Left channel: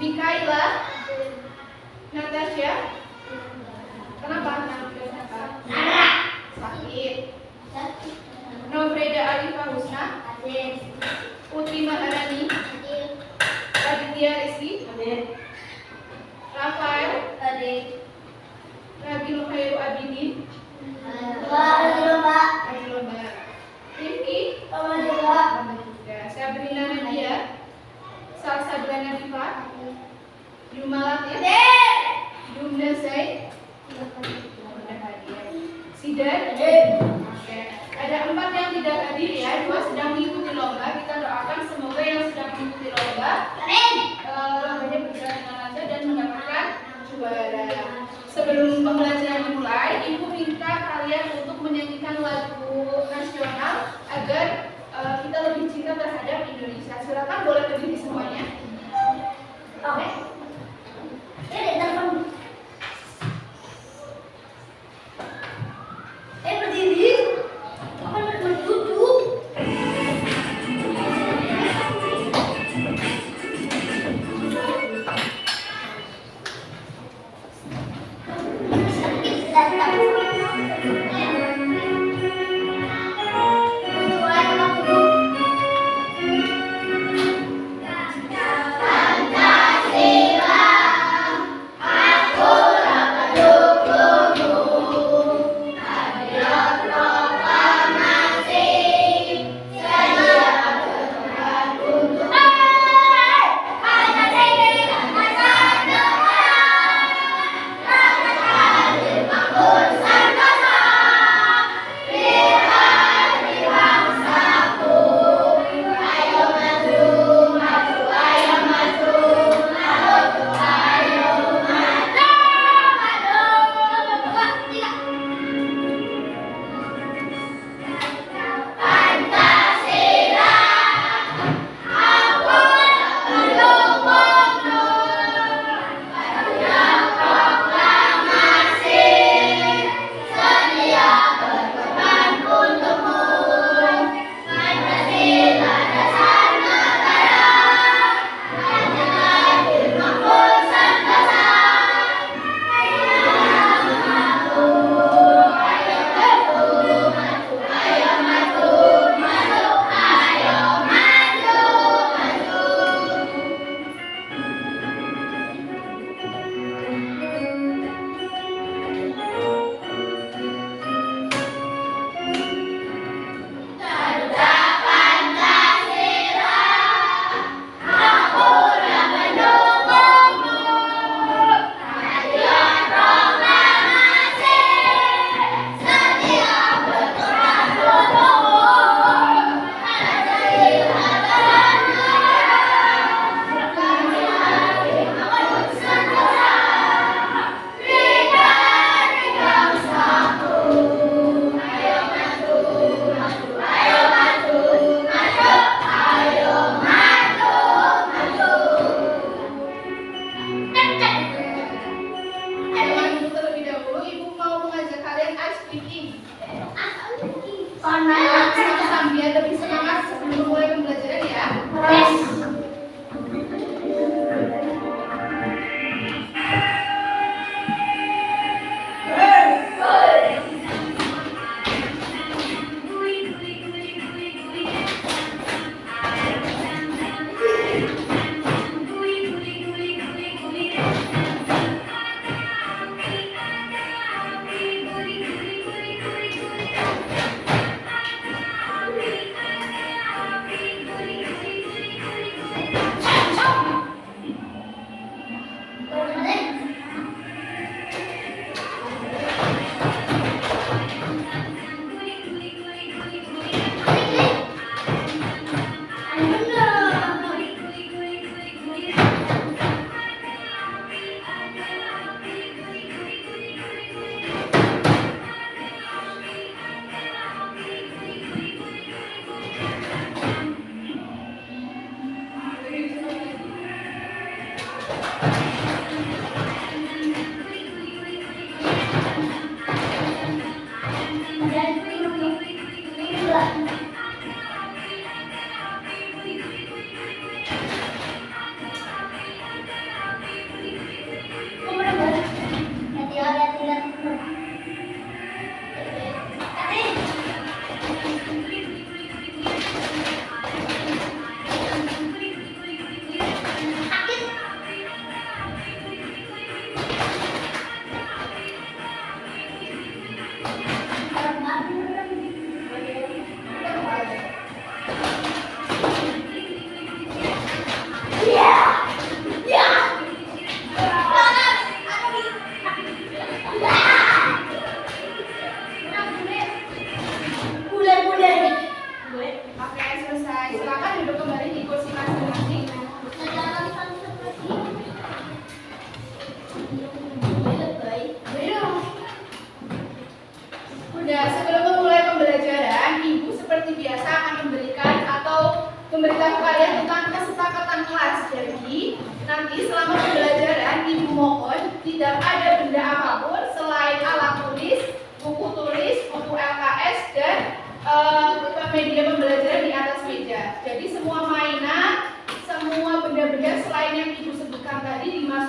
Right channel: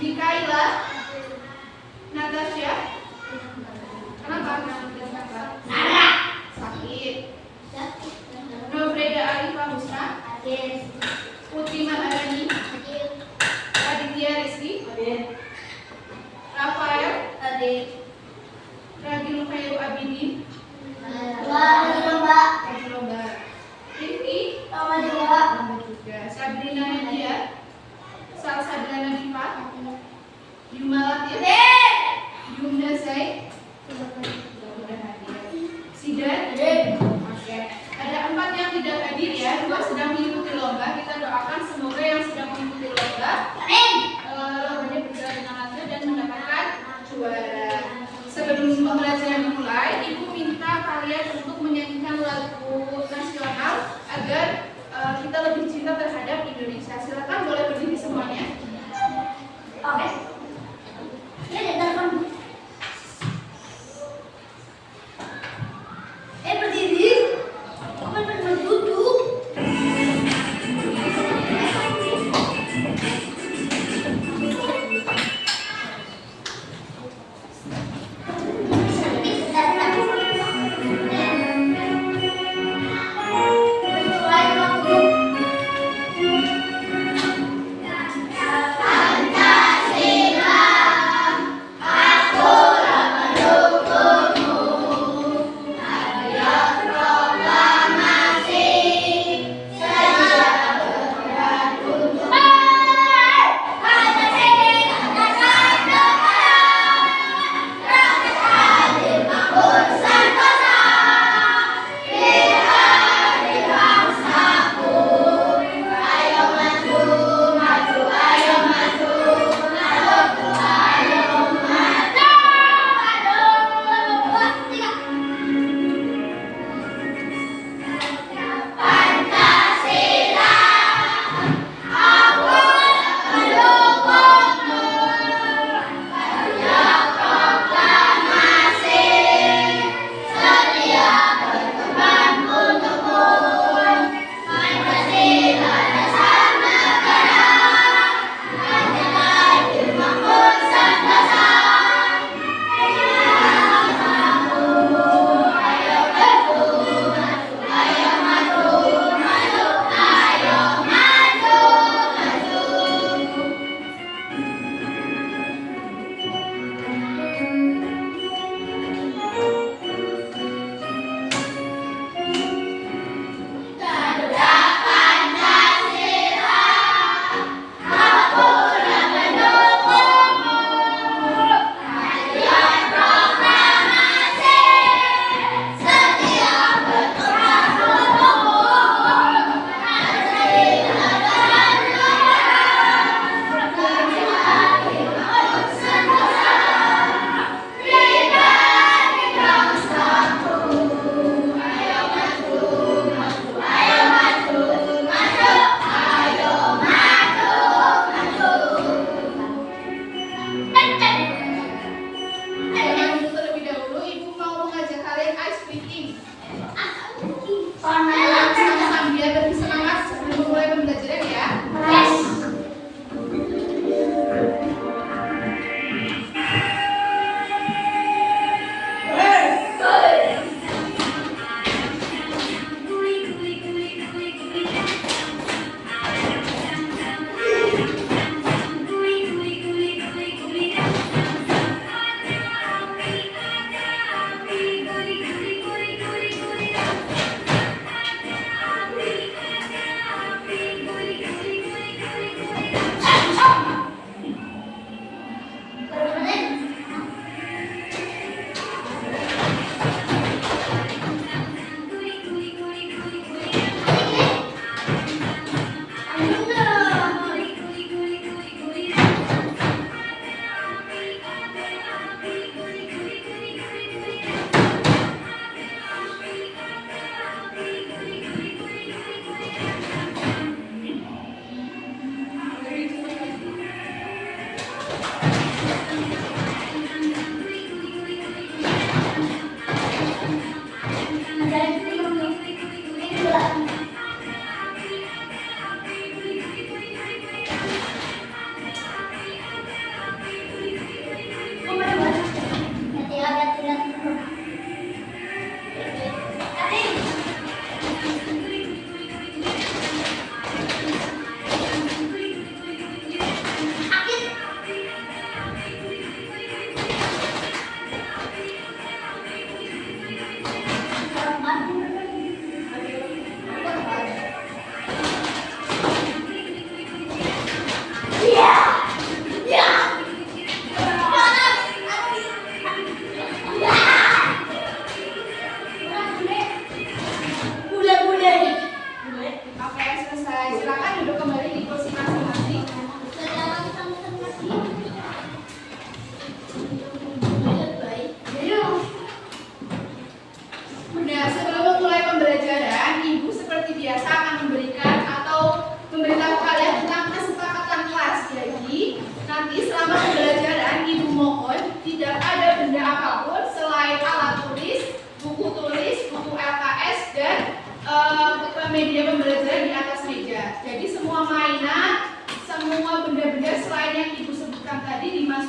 Mikaela, Natasha. Kenapa? Sakit. Novreda Arifah Husna. Putri Maharani. Aditya Rizky. Rafael. Ragil Khairu Abidin. Lagi lomba. Rifki. Lomba juga. Sabrina Nadia. Salsabila Nadifa. Yumalat ya. Yumna Zaid. Sudah hadir. Sidan. Oke. Ada 4 yang tidak hadir ya. 2 sedang mengikuti lomba. Kita doakan semoga yang sedang mengikuti lomba lombanya berjalan dengan lancar dan mendapatkan juara. Sebelum pembelajaran dimulai, Ibu minta kalian untuk menyanyikan lagu nasional agar kita lebih cinta terhadap Indonesia. Silakan boleh berdiri semuanya. Oke. Berdiri. Duduk.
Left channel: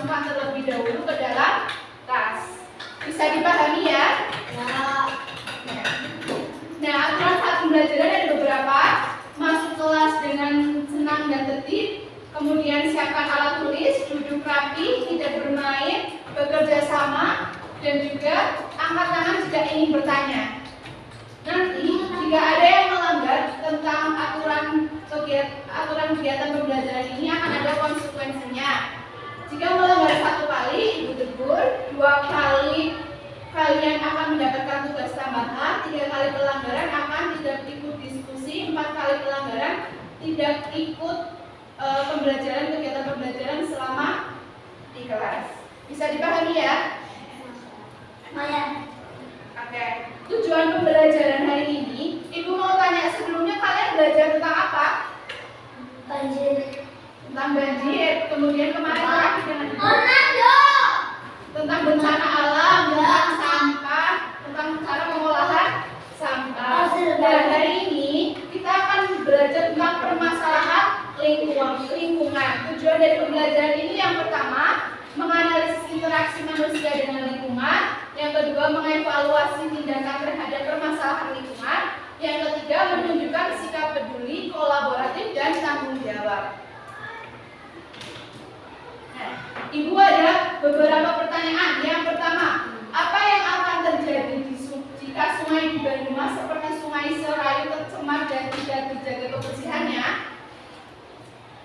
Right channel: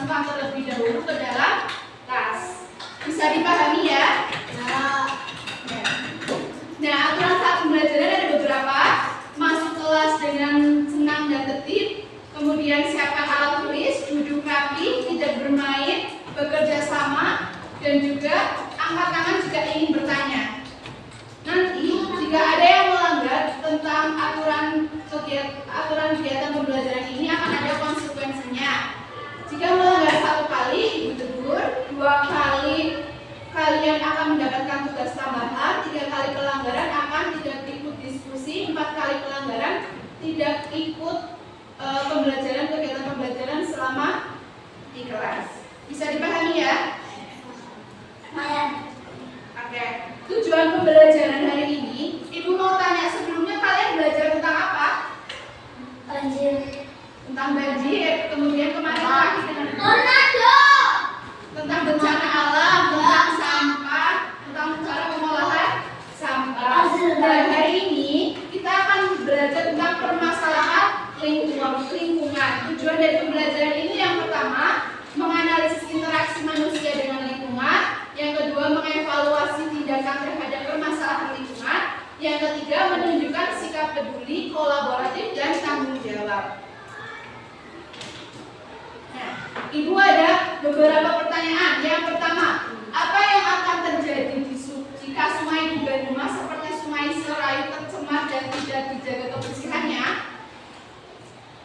sampah terlebih dahulu ke dalam tas. Bisa dipahami ya? Nah, aturan saat pembelajaran ada beberapa. Masuk kelas dengan senang dan tertib, kemudian siapkan alat tulis, duduk rapi, tidak bermain, bekerja sama, dan juga angkat tangan jika ingin bertanya. Nanti jika ada yang melanggar tentang aturan kegiatan pembelajaran ini akan ada konsekuensinya. Jika melanggar 1 kali, ibu tegur. 2 kali kalian akan mendapatkan tugas tambahan. 3 kali pelanggaran akan tidak ikut diskusi. 4 kali pelanggaran tidak ikut kegiatan pembelajaran selama di kelas. Bisa dipahami ya? Oke. Tujuan pembelajaran hari ini, ibu mau tanya sebelumnya kalian belajar tentang apa? Banjir. Tentang banjir. Kemudian kemarin lagi tentang bencana alam, tentang sampah, tentang cara pengolahan sampah. Dan hari ini kita akan belajar tentang permasalahan lingkungan. Tujuan dari pembelajaran ini yang pertama, menganalisis interaksi manusia dengan lingkungan. Yang kedua, mengevaluasi tindakan terhadap permasalahan lingkungan. Yang ketiga, menunjukkan sikap peduli, kolaboratif, dan tanggung jawab. Nah, ibu ada beberapa pertanyaan. Yang pertama, apa yang akan terjadi jika sungai di Banyumas seperti Sungai Serayu tercemar dan tidak dijaga kebersihannya?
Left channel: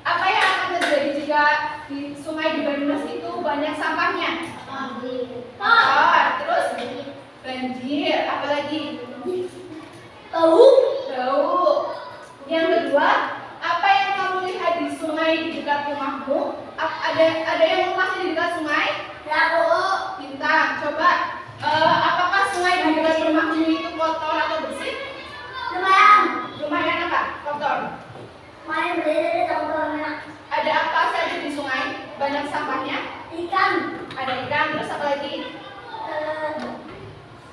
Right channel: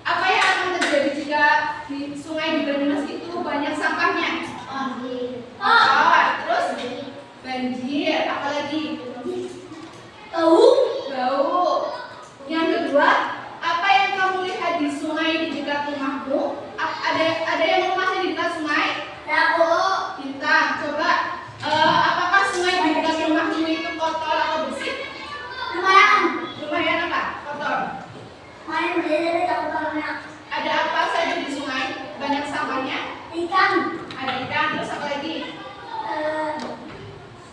Apa yang akan terjadi jika di sungai di Banyumas itu banyak sampahnya? Terus banjir, apalagi? Bau. Yang kedua, apa yang kamu lihat di sungai di dekat rumahmu? Ada yang rumahnya di dekat sungai? Bintang, coba. Apakah sungai di dekat rumahmu itu kotor atau bersih? Lumayan apa? Kotor. Ada apa saja di sungai? Banyak sampahnya? Ada ikan, terus apa lagi?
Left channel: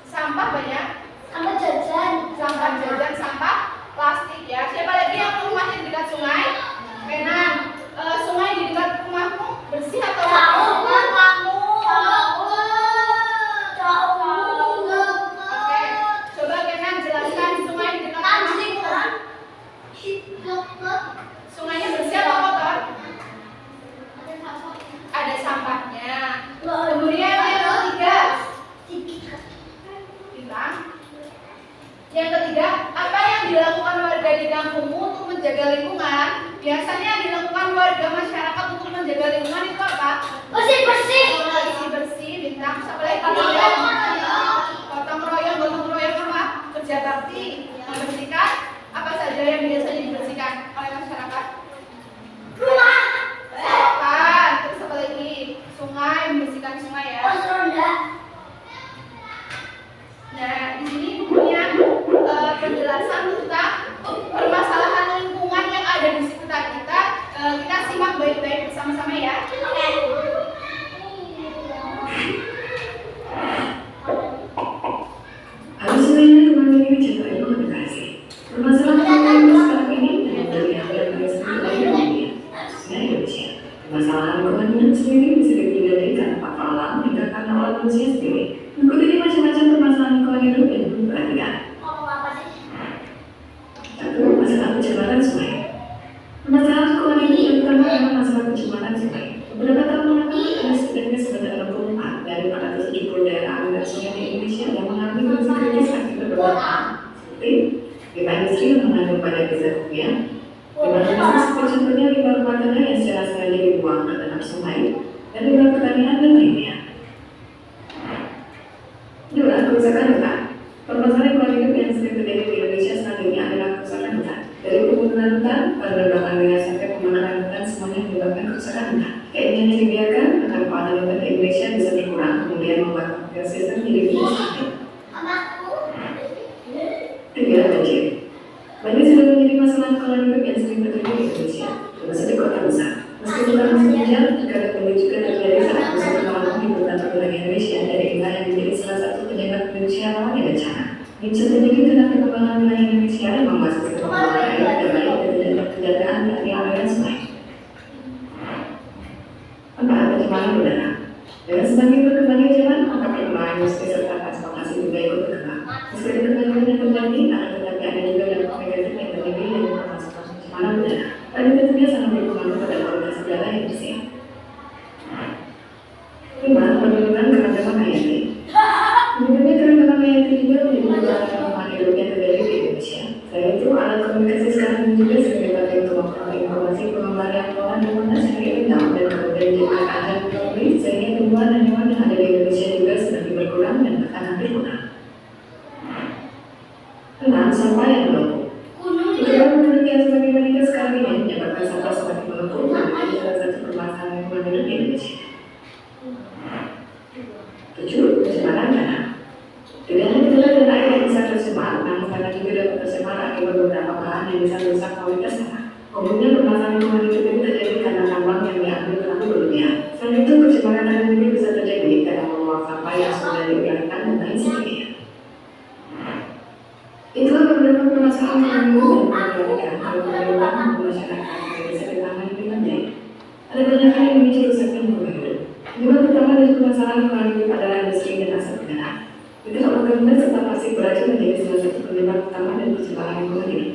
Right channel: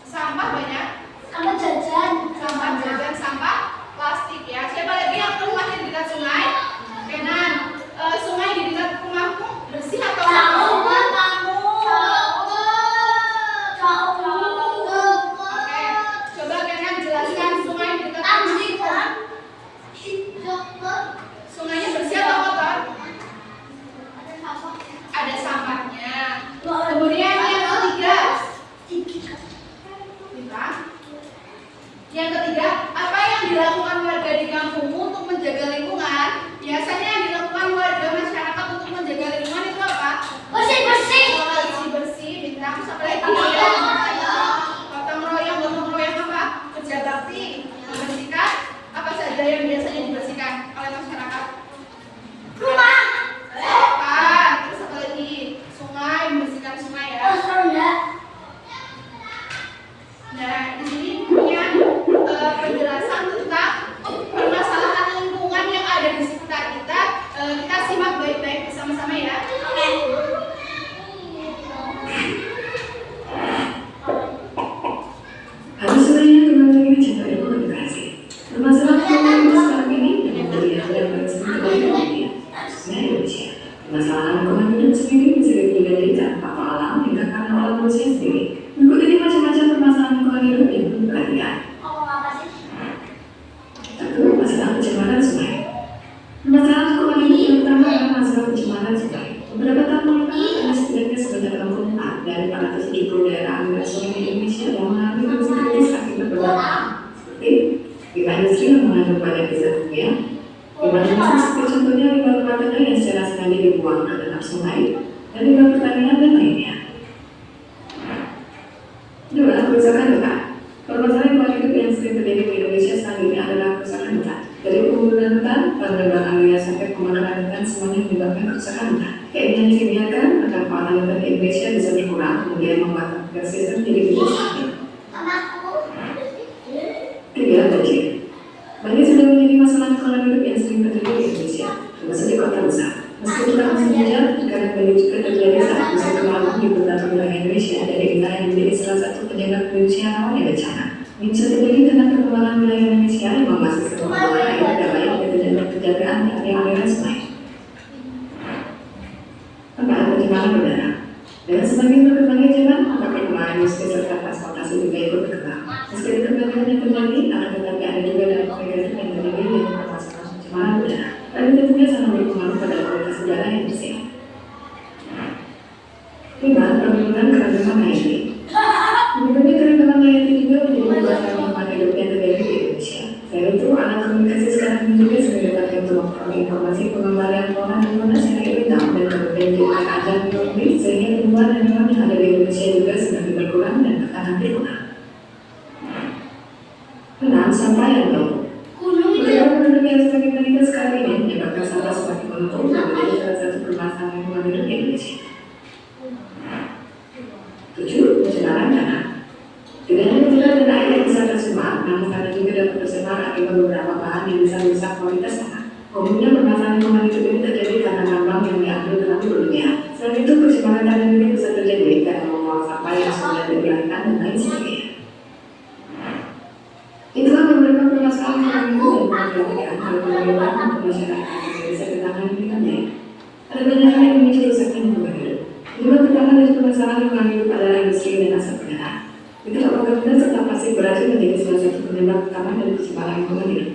Sampah banyak? Sampah jajan, sampah plastik ya. Siapa lagi yang rumahnya di dekat sungai? Kenan. Sungai di dekat rumahmu bersih atau kotor? Oke, coba Kenan jelaskan sungai di dekat rumahmu. Sungainya bersih atau kotor? Ada sampahnya. Kemudian yang ketiga, Bintang. Yang ketiga, apa yang dilakukan warga di kampungmu untuk menjaga lingkungan? Biasanya yang dilakukan warga masyarakat untuk menjaga lingkungan itu apa? Bersih, Bintang. Terus apa lagi? Gotong royong apa? Kerja bakti, membersihkan. Apa saja yang biasanya dibersihkan oleh masyarakat? Selokan. Terus apa lagi? Sungai, membersihkan sungai ya. Nah, di sini punya penjelasan tentang permasalahan lingkungan yang ada di sekitar kita. Kita simak baik-baik bersama-sama ya. Halo semuanya, kembali lagi di channel Ilmu Edukasi. Permasalahan lingkungan sekarang ini banyak dilihat oleh para studi dunia, khususnya Indonesia. Permasalahan lingkungan sendiri bisa digali tanpa alam tindakan oleh manusia sendiri. Berikut ini macam-macam permasalahan lingkungan hidup yang perlu perhatian. Satu, masalah pencemaran sungai. Permasalahan lingkungan hidup yang pertama adalah masalah pencemaran sungai. Beberapa tahun lalu, ada setidaknya sebanyak 64 dari 430 daerah aliran sungai di Indonesia yang mengalami kondisi kritis akibat perbuatan seperti limbah industri yang mengandung banyak zat kimia, limbah industri seperti contohnya limbah rumah tangga yang secara sengaja dibuang ke dalam sungai, dan limbah pertanian dan lainnya. Kedua, kerusakan hutan. Permasalahan lingkungan hidup yang sering terjadi di Indonesia saat ini adalah kerusakan hutan. Dari pembunuhan hutan, penebangan liar sampai pembakaran hutan semuanya menyebabkan kerusakan hutan. Keinginan yang dibiarkan akan kawasan hutan di Indonesia bisa berkurang, kemudian membuat ekosistem menjadi lebih stabil. Tiga, banjir. Banjir sudah menjadi masalah lingkungan hidup yang sering terjadi di Indonesia, termasuk di kota besar. Meski bukan musim hujan, terkadang banjir juga terjadi saat musim kemarau di beberapa wilayah Indonesia, dari inilah yang menjadi salah satu penyebab Indonesia rawan bencana. Ini bisa terjadi karena perkembangan wilayah Indonesia yang masih sering mengelola air tidak baik dan tidak penjagaan dari aliran sungai. Empat, pencemaran pencemaran udara. Dengan semakin berkembangnya zaman, maka perkembangan industri serta transportasi juga ikut berkembang. Meski perkembangan yang terjadi, akan tetapi ada juga dampak negatif yang terjadi dari permasalahan pencemaran udara. Dan itu tentunya sangat berpengaruh pada kualitas udara yang bersih. 5. Penurunan keragaman hayati. Menurutnya keragaman hayati juga menjadi beberapa lingkungan hidup yang terjadi di Indonesia. Selain itu, alat komunikasi sekarang ini juga sebagai bagian untuk memperoleh informasi pengembangan ruangan di mana secara ilegal dan kemudian menjadikan ajang ekonomi sehingga tumbuhan dan hewan yang ada di Indonesia juga semakin berkurang dan bahkan hampir punah. 6. Sampah yang menumpuk. Beberapa penduduk yang semakin meningkat sekarang ini menyebabkan sampah semakin menumpuk dan menjadi salah satu permasalahan lingkungan hidup di Indonesia. 7. Pencemaran tanah. Tidak hanya udara dan air yang bisa tercemar, namun tanah juga dapat tercemar akibat beberapa bahan yang bisa merusak kualitas tanah. Umumnya permasalahan lingkungan hidup ini terjadi karena tambang yang diambil terlalu berlebihan. Selain itu, pencemaran tanah juga bisa terjadi karena membuang sampah yang sudah diuraikan dan lain sebagainya. Itulah beberapa permasalahan lingkungan dan penyelesaian hal pemerintah masyarakat yang bisa ditangani dengan baik. Ada banyak hal yang memicu kerusakan lingkungan hidup. Penyebab pertama dari permasalahan lingkungan hidup adalah industri dan asap udara. Ketika organ serta plastik beracun menjadi salah satu penyebab utama dari pencemaran lingkungan hidup.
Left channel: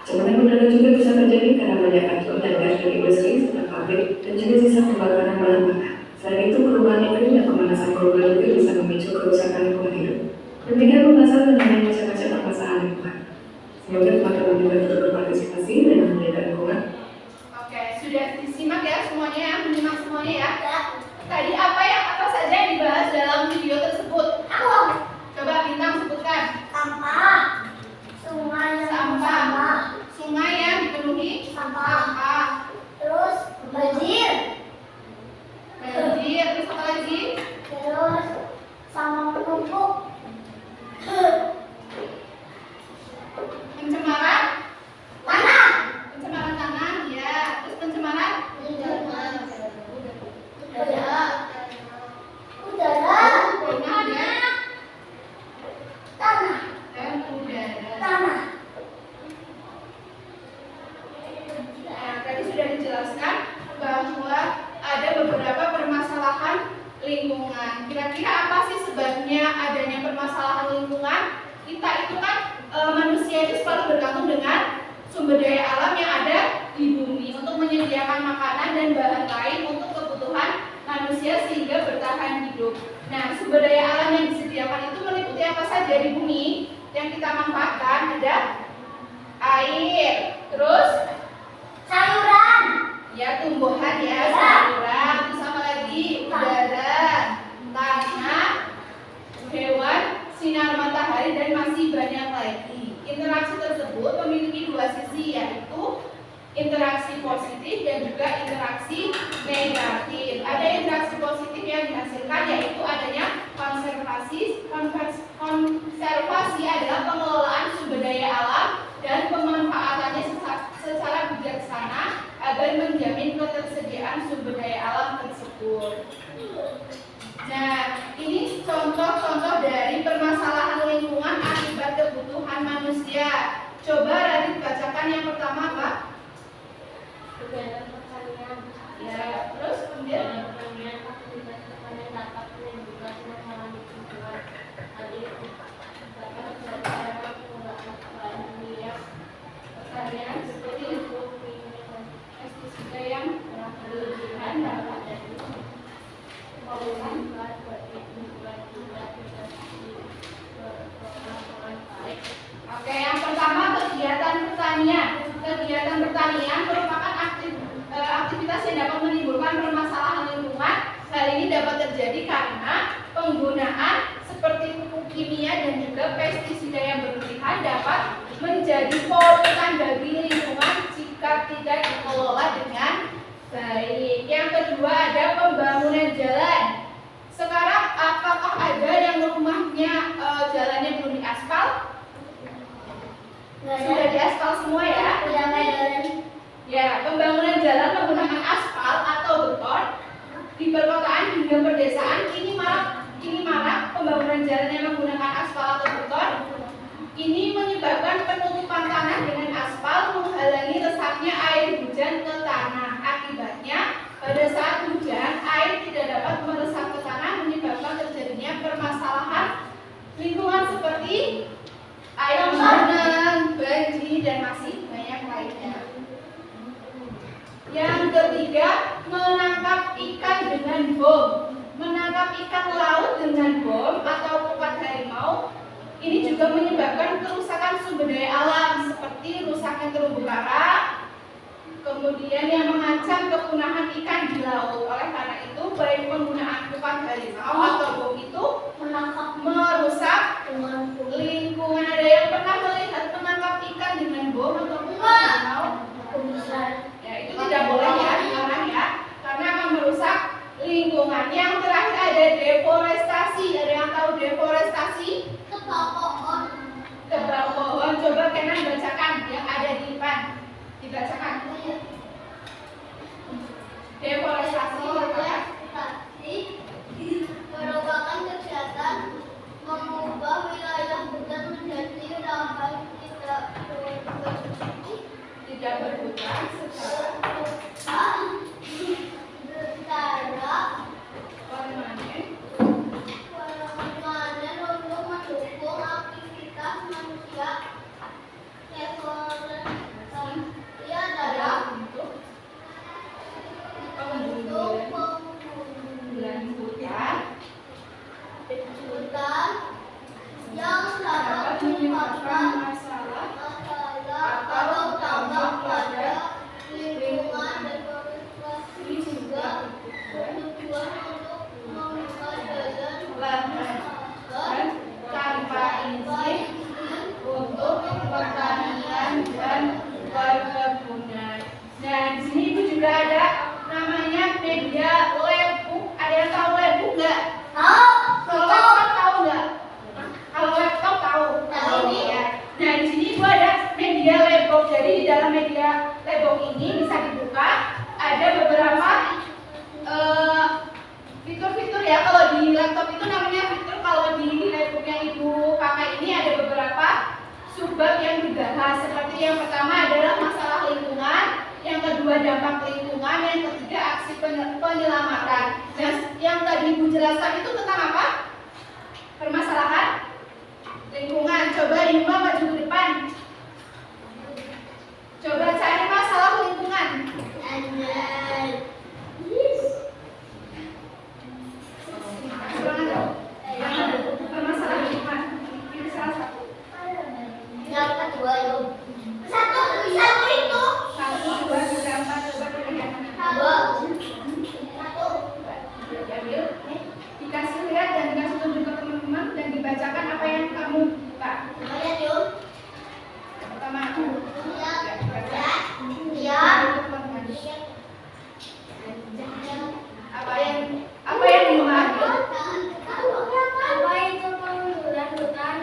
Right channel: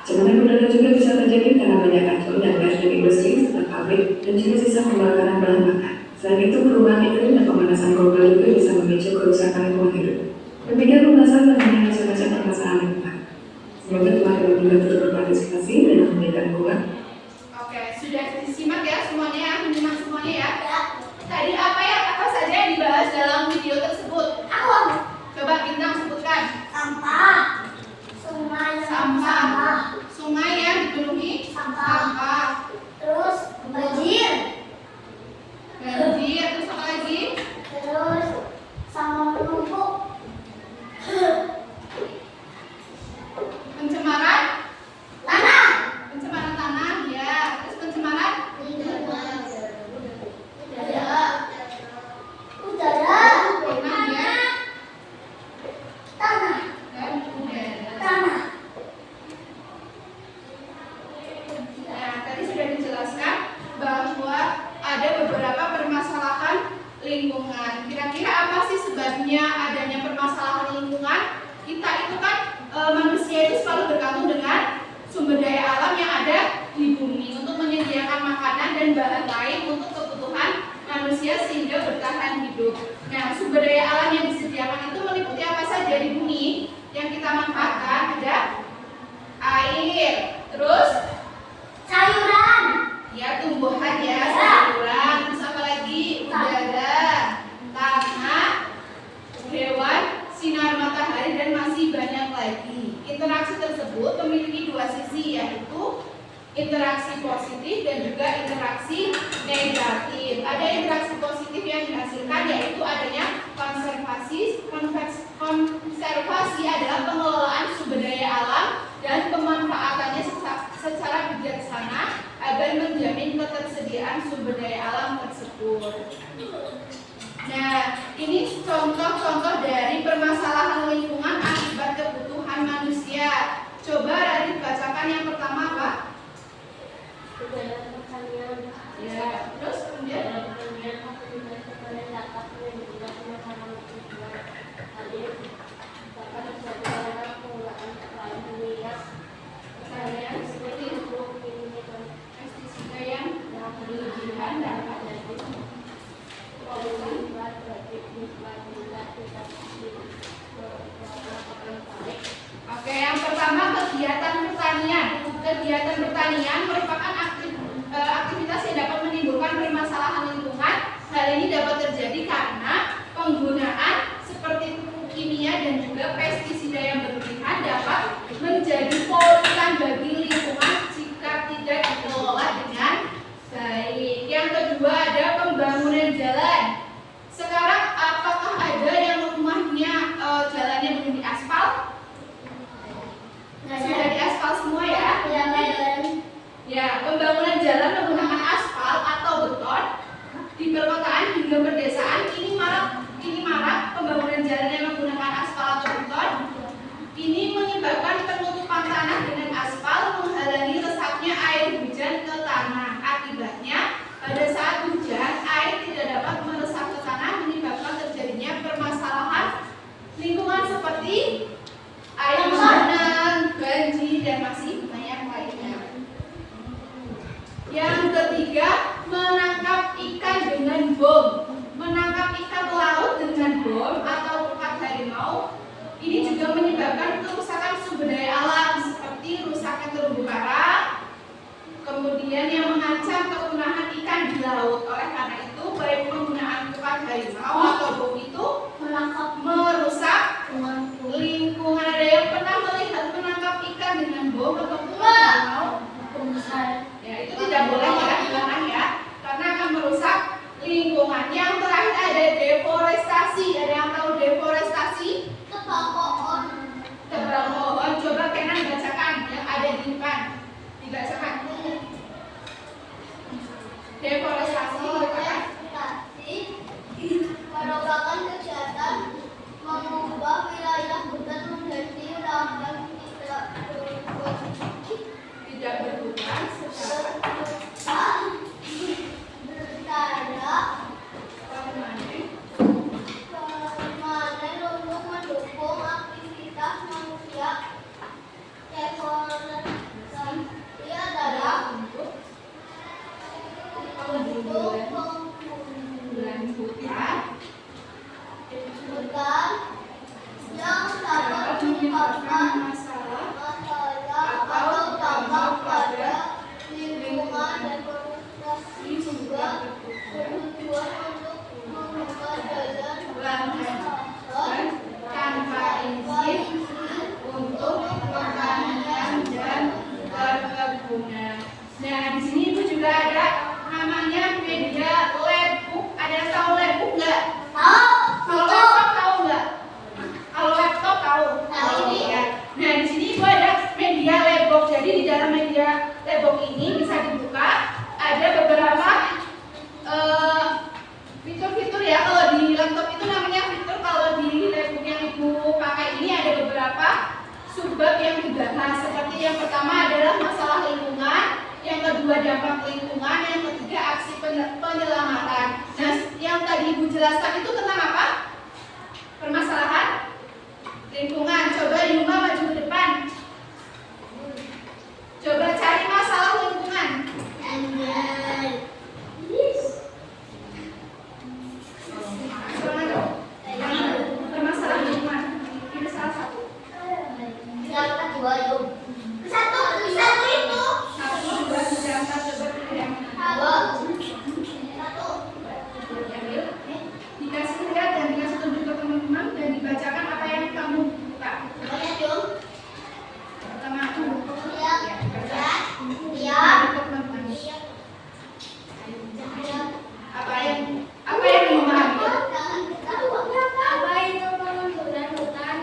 Pencemaran udara juga bisa terjadi karena banyak racun dan gas dari industri serta pabrik dan juga sisa pembakaran bahan bakar. Selain itu, perubahan iklim dan pemanasan global juga bisa memicu kerusakan lingkungan hidup. Demikian pembahasan mengenai macam-macam permasalahan lingkungan. Semoga teman-teman juga terus berpartisipasi dan menjaga lingkungan. Oke, sudah disimak ya semuanya, menyimak semuanya ya. Tadi apa saja yang dibahas dalam video tersebut? Coba Bintang sebutkan. Sampah. Sungai yang dipenuhi sampah. Terus banjir. Terus apa lagi? Terus sampah menumpuk. Pencemaran Tanah. tanah, ya. Terus pencemaran Udara. tanah ya. Tanah. Dan udara. Tanah. Nah, tadi sudah dijelaskan bahwa ada beberapa permasalahan lingkungan. Kira-kira apa sih sebabnya adanya permasalahan lingkungan? Kita itu kan manusia itu selalu bergantung dengan sumber daya alam yang ada di bumi untuk menyediakan makanan dan bahan lain untuk kebutuhan manusia sehingga bertahan hidup. Nah, sumber daya alam yang disediakan itu meliputi apa saja di bumi yang kita manfaatkan? Ada air, terus Sayuran. ya tumbuhan ya, sayuran, terus apa lagi? Udara, tanah, hewan, sinar matahari, dan masih banyak lagi. Interaksi tersebut memiliki dua sisi, yaitu interaksi positif dan juga interaksi negatif. Ada interaksi positif yang dihasilkan, yaitu adanya konservasi adalah pengelolaan sumber daya alam dan pemanfaatannya secara bijaksana agar menjamin ketersediaan sumber daya alam tersebut. Nah, ini contoh-contoh dari permasalahan lingkungan akibat kebutuhan manusia. Coba Radit bacakan yang pertama apa? Ya, terus kemudian pertanian seperti pestisida yang berlebihan dapat jadi Oke, yang pertama kegiatan pertanian. Kegiatan pertanian merupakan aktivitas yang dapat menimbulkan permasalahan lingkungan. Hal ini dapat terjadi karena penggunaan seperti pupuk kimia dan juga pestisida yang terakhir ada deforestasi. Ada yang tahu deforestasi? Tebang pohon. Tebang pohon. Coba Kenan bacakan yang ada di depan. Dibacakan. Deforestasi merupakan merupakan kegiatan mengubah wilayah hutan menjadi lahan tidak berhutan secara permanen untuk mendukung aktivitas manusia. Deforestasi adalah untuk pembunuhan penggundulan hutan hutan yang dapat menyebabkan menyebabkan masalah atau dampak pada lingkungan. Deforestasi juga bertujuan untuk membuka jalan lahan tanpa izin untuk pertanian dan perkebunan. Nah, di sini Ibu juga ada namanya media labbook. Ada yang tahu labbook nggak? Kalau laptop tahu nggak? Kalau laptop tahu. Tahu. Ya. Nah, di sini Ibu ada media labbook. Jadi di dalam media labbook ini bisa dibuka. Ada beberapa fitur-fitur ya. Kalau di laptop itu namanya fitur. Kalau di labbook yang Ibu pakai ini ada beberapa subbab yang dibahas. Seperti yang pertama adalah masalah lingkungan, yang kedua dampak lingkungan, yang ketiga aksi penyelamatan. Nah, yang tadi Ibu jelaskan itu tentang apa? Permasalahan lingkungan. Coba Yuma maju ke depan. Coba cari masalah lingkungan. Permasalahan lingkungan. Ini salah satu. Yang kedua itu satu itu Satu, dua, tiga, empat. Coba pilih yang mana? dua Satu. Diambil. Dikasih lihat dan dikasih tunjuk ke teman-teman dan dibacakan apa yang kamu buka. lihat yuk Pertama, lihat ya, dibaca. lihat Ke teman-teman. Apa yang Yuma ambil? apa itu pengunduran hutan?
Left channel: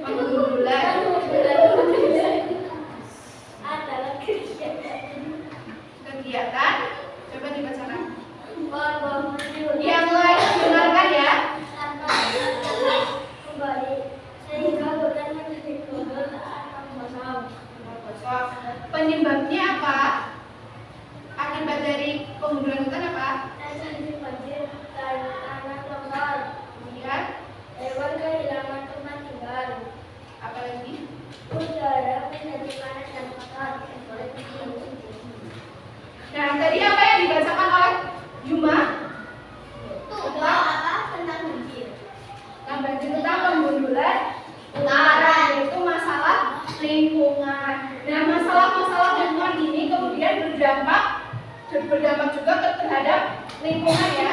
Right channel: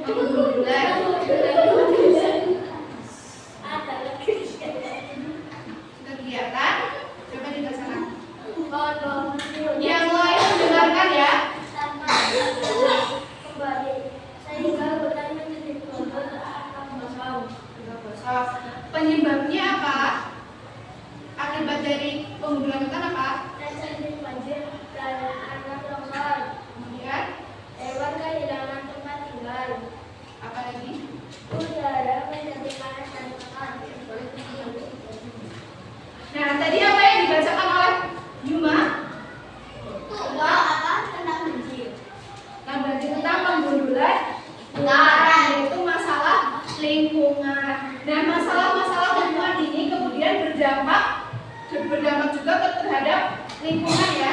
Pengundulan. Adalah Kegiatan. Coba dibacakan. pohon Yang lain dengarkan ya. kembali sehingga hutan menjadi global akan kosong. Gosok. Penyebabnya apa? Akibat dari pengundulan hutan apa? Terjadi banjir dan tanah longsor. Kemudian Hewan kehilangan tempat tinggal. apa lagi? Udara menjadi panas dan kotor. Nah, tadi apa yang dibacakan oleh Yuma? Tentang banjir. Nah, berarti tentang pengundulan hutan, yaitu masalah lingkungan. Nah, masalah-masalah lingkungan ini kemudian berdampak juga terhadap lingkungan ya.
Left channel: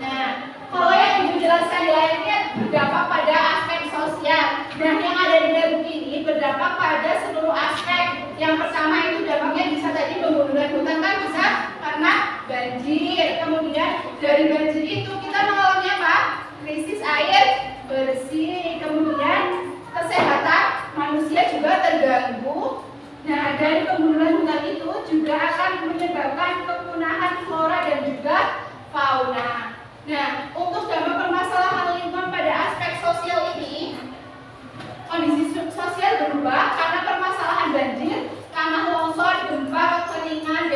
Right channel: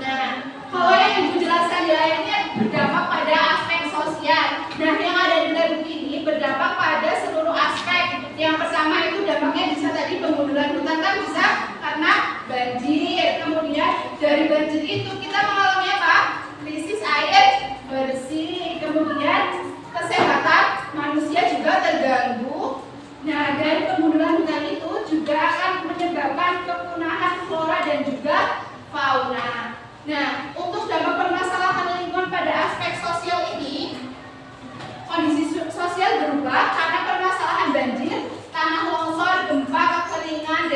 Nah, kalau yang Ibu jelaskan di layar ini berdampak pada aspek sosial. Nah, yang ada di labbook ini berdampak pada seluruh aspek. Yang pertama itu dampaknya bisa tadi pengundulan hutan kan bisa karena banjir. Kemudian dari banjir itu kita mengalami apa? Krisis air bersih. Kemudian kesehatan manusia juga terganggu. Nah, dari pengundulan hutan itu juga akan menyebabkan kepunahan flora dan juga fauna. Nah, untuk dampak permasalahan lingkungan pada aspek sosial ini, kondisi sosial berubah karena permasalahan banjir, tanah longsor, gempa, kekeringan,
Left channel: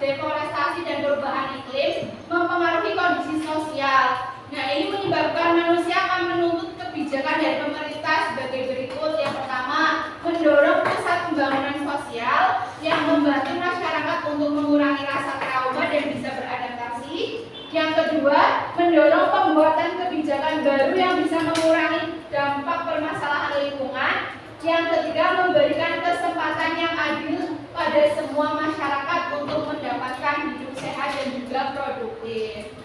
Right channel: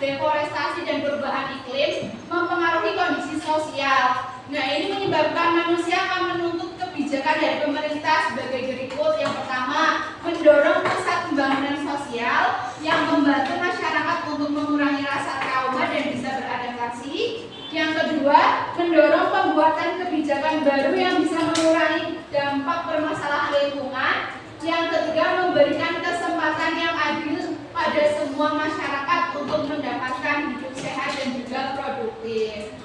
deforestasi, dan perubahan iklim mempengaruhi kondisi sosial. Nah, ini menyebabkan manusia akan menuntut kebijakan dari pemerintah sebagai berikut. Yang pertama, mendorong pusat pembangunan sosial yang membantu masyarakat untuk mengurangi rasa trauma dan bisa beradaptasi. Yang kedua, mendorong pembuatan kebijakan baru yang bisa mengurangi dampak permasalahan lingkungan. Yang ketiga, memberikan kesempatan yang adil pada semua masyarakat untuk mendapatkan hidup sehat dan juga produktif.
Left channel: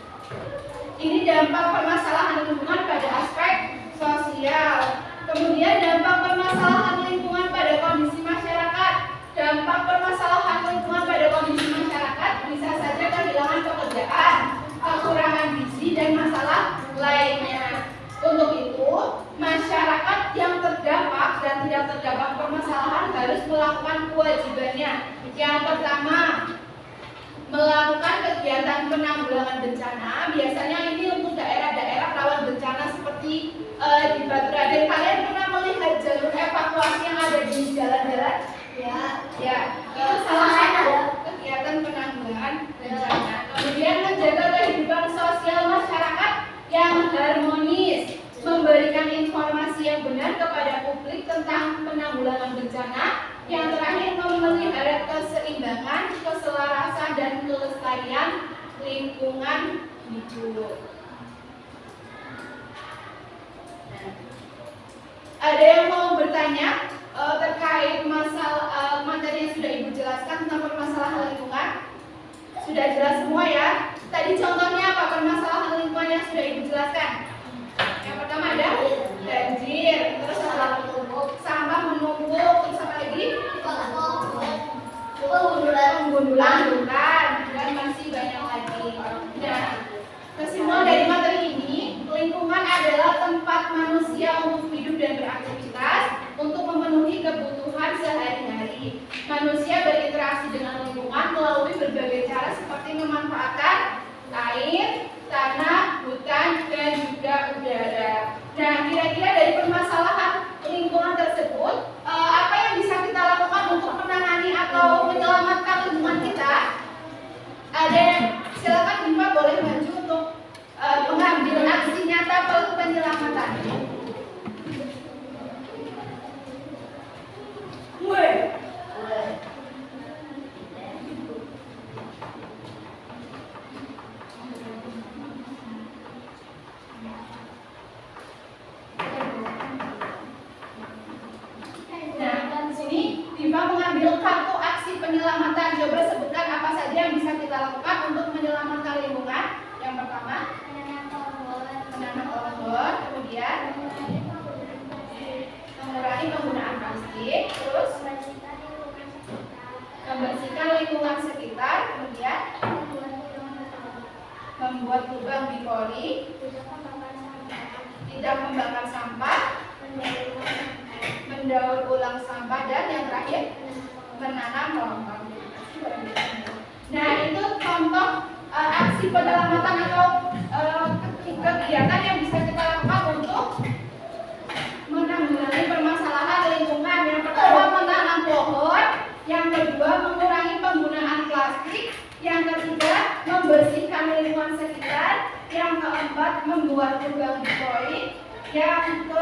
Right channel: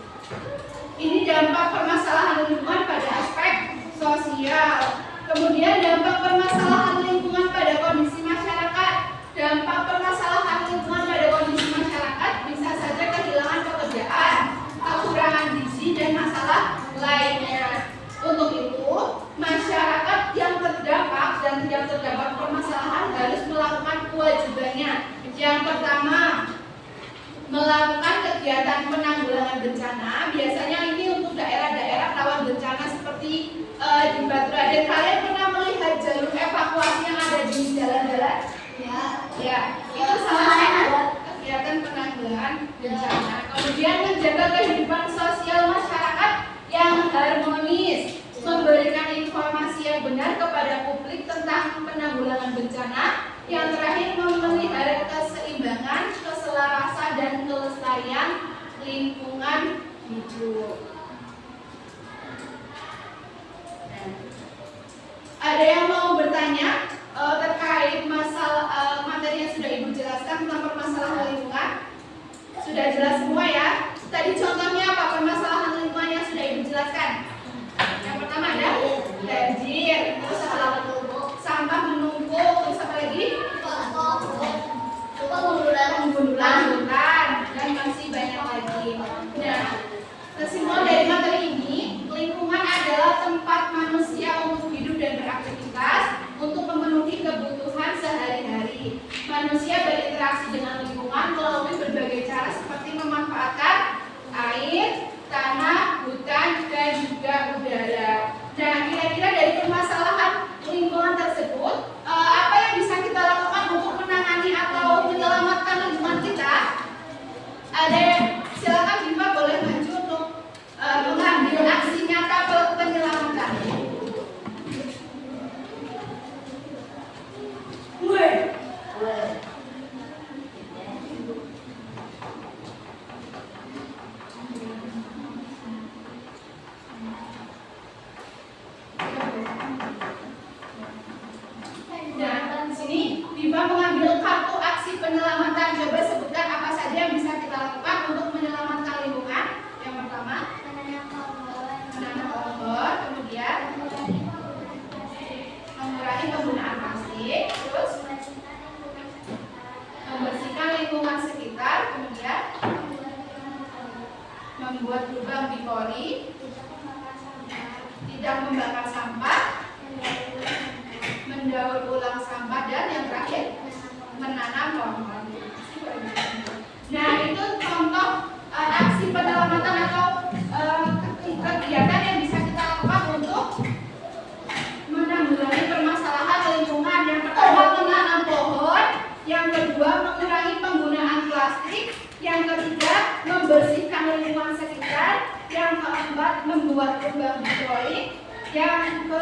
Ini dampak permasalahan lingkungan pada aspek sosial. Kemudian dampak permasalahan lingkungan pada kondisi masyarakat. Dampak permasalahan lingkungan pada kondisi masyarakat bisa saja kehilangan pekerjaan tentang penanggulangan bencana. Biasanya ini untuk daerah-daerah rawan bencana seperti di Batu Raden. Kalian pernah melihat jalur evakuasi yang ada di jalan-jalan? Ya, itu salah satu kegiatan penanggulangan bencana. Kemudian menjaga kehidupan sosial masyarakat yang harmonis, memberikan informasi yang benar kepada publik tentang penanggulangan bencana. Yang terakhir, memelihara keseimbangan, keselarasan, dan kelestarian lingkungan hidup. Nah, ada yang mau bertanya terkait masalah materi yang sudah Ibu jelaskan tentang permasalahan lingkungan? Sudah jelas semua ya? Tadi contohnya apa permasalahan lingkungan yang sudah Ibu jelaskan? Yang pertama ada banjir, terus sampah menumpuk, terus apa lagi? Penggundulan, dan masih banyak lagi. Nah, kesimpulan dari materi ini, lingkungan adalah tempat manusia untuk hidup dan beraktivitas untuk memenuhi kebutuhan sehari-hari. Manusia berinteraksi dengan lingkungan melalui berbagai cara seperti memanfaatkan air, tanah, hutan, dan juga udara. Nah, kira-kira dari permasalahan lingkungan tersebut, apa yang bisa kita lakukan untuk menangani atau menyelamatkan lingkungan kita? Ada, silakan Diva boleh maju untuk mengambil aksi nyata penyelamatan. Nah, di sini Diva mengambil kartu aksi penyelamatan. Coba sebutkan apa saja yang bisa kita lakukan untuk menyelamatkan lingkungan. Yang pertama, menanam pohon, kemudian mengurangi penggunaan plastik, terus membersihkan lingkungan sekitar, kemudian membuat lubang di pori, tidak membakar sampah, mendaur ulang sampah, dan yang terakhir menanam pohon. Nah, itu contoh aksi penyelamatan atau kegiatan yang bisa kita lakukan untuk menanggulangi permasalahan lingkungan. Yang pertama, menanam pohon. Yang kedua, mengurangi penggunaan plastik. Yang ketiga, membersihkan lingkungan sekitar. Yang keempat, membuat lubang di pori. Yang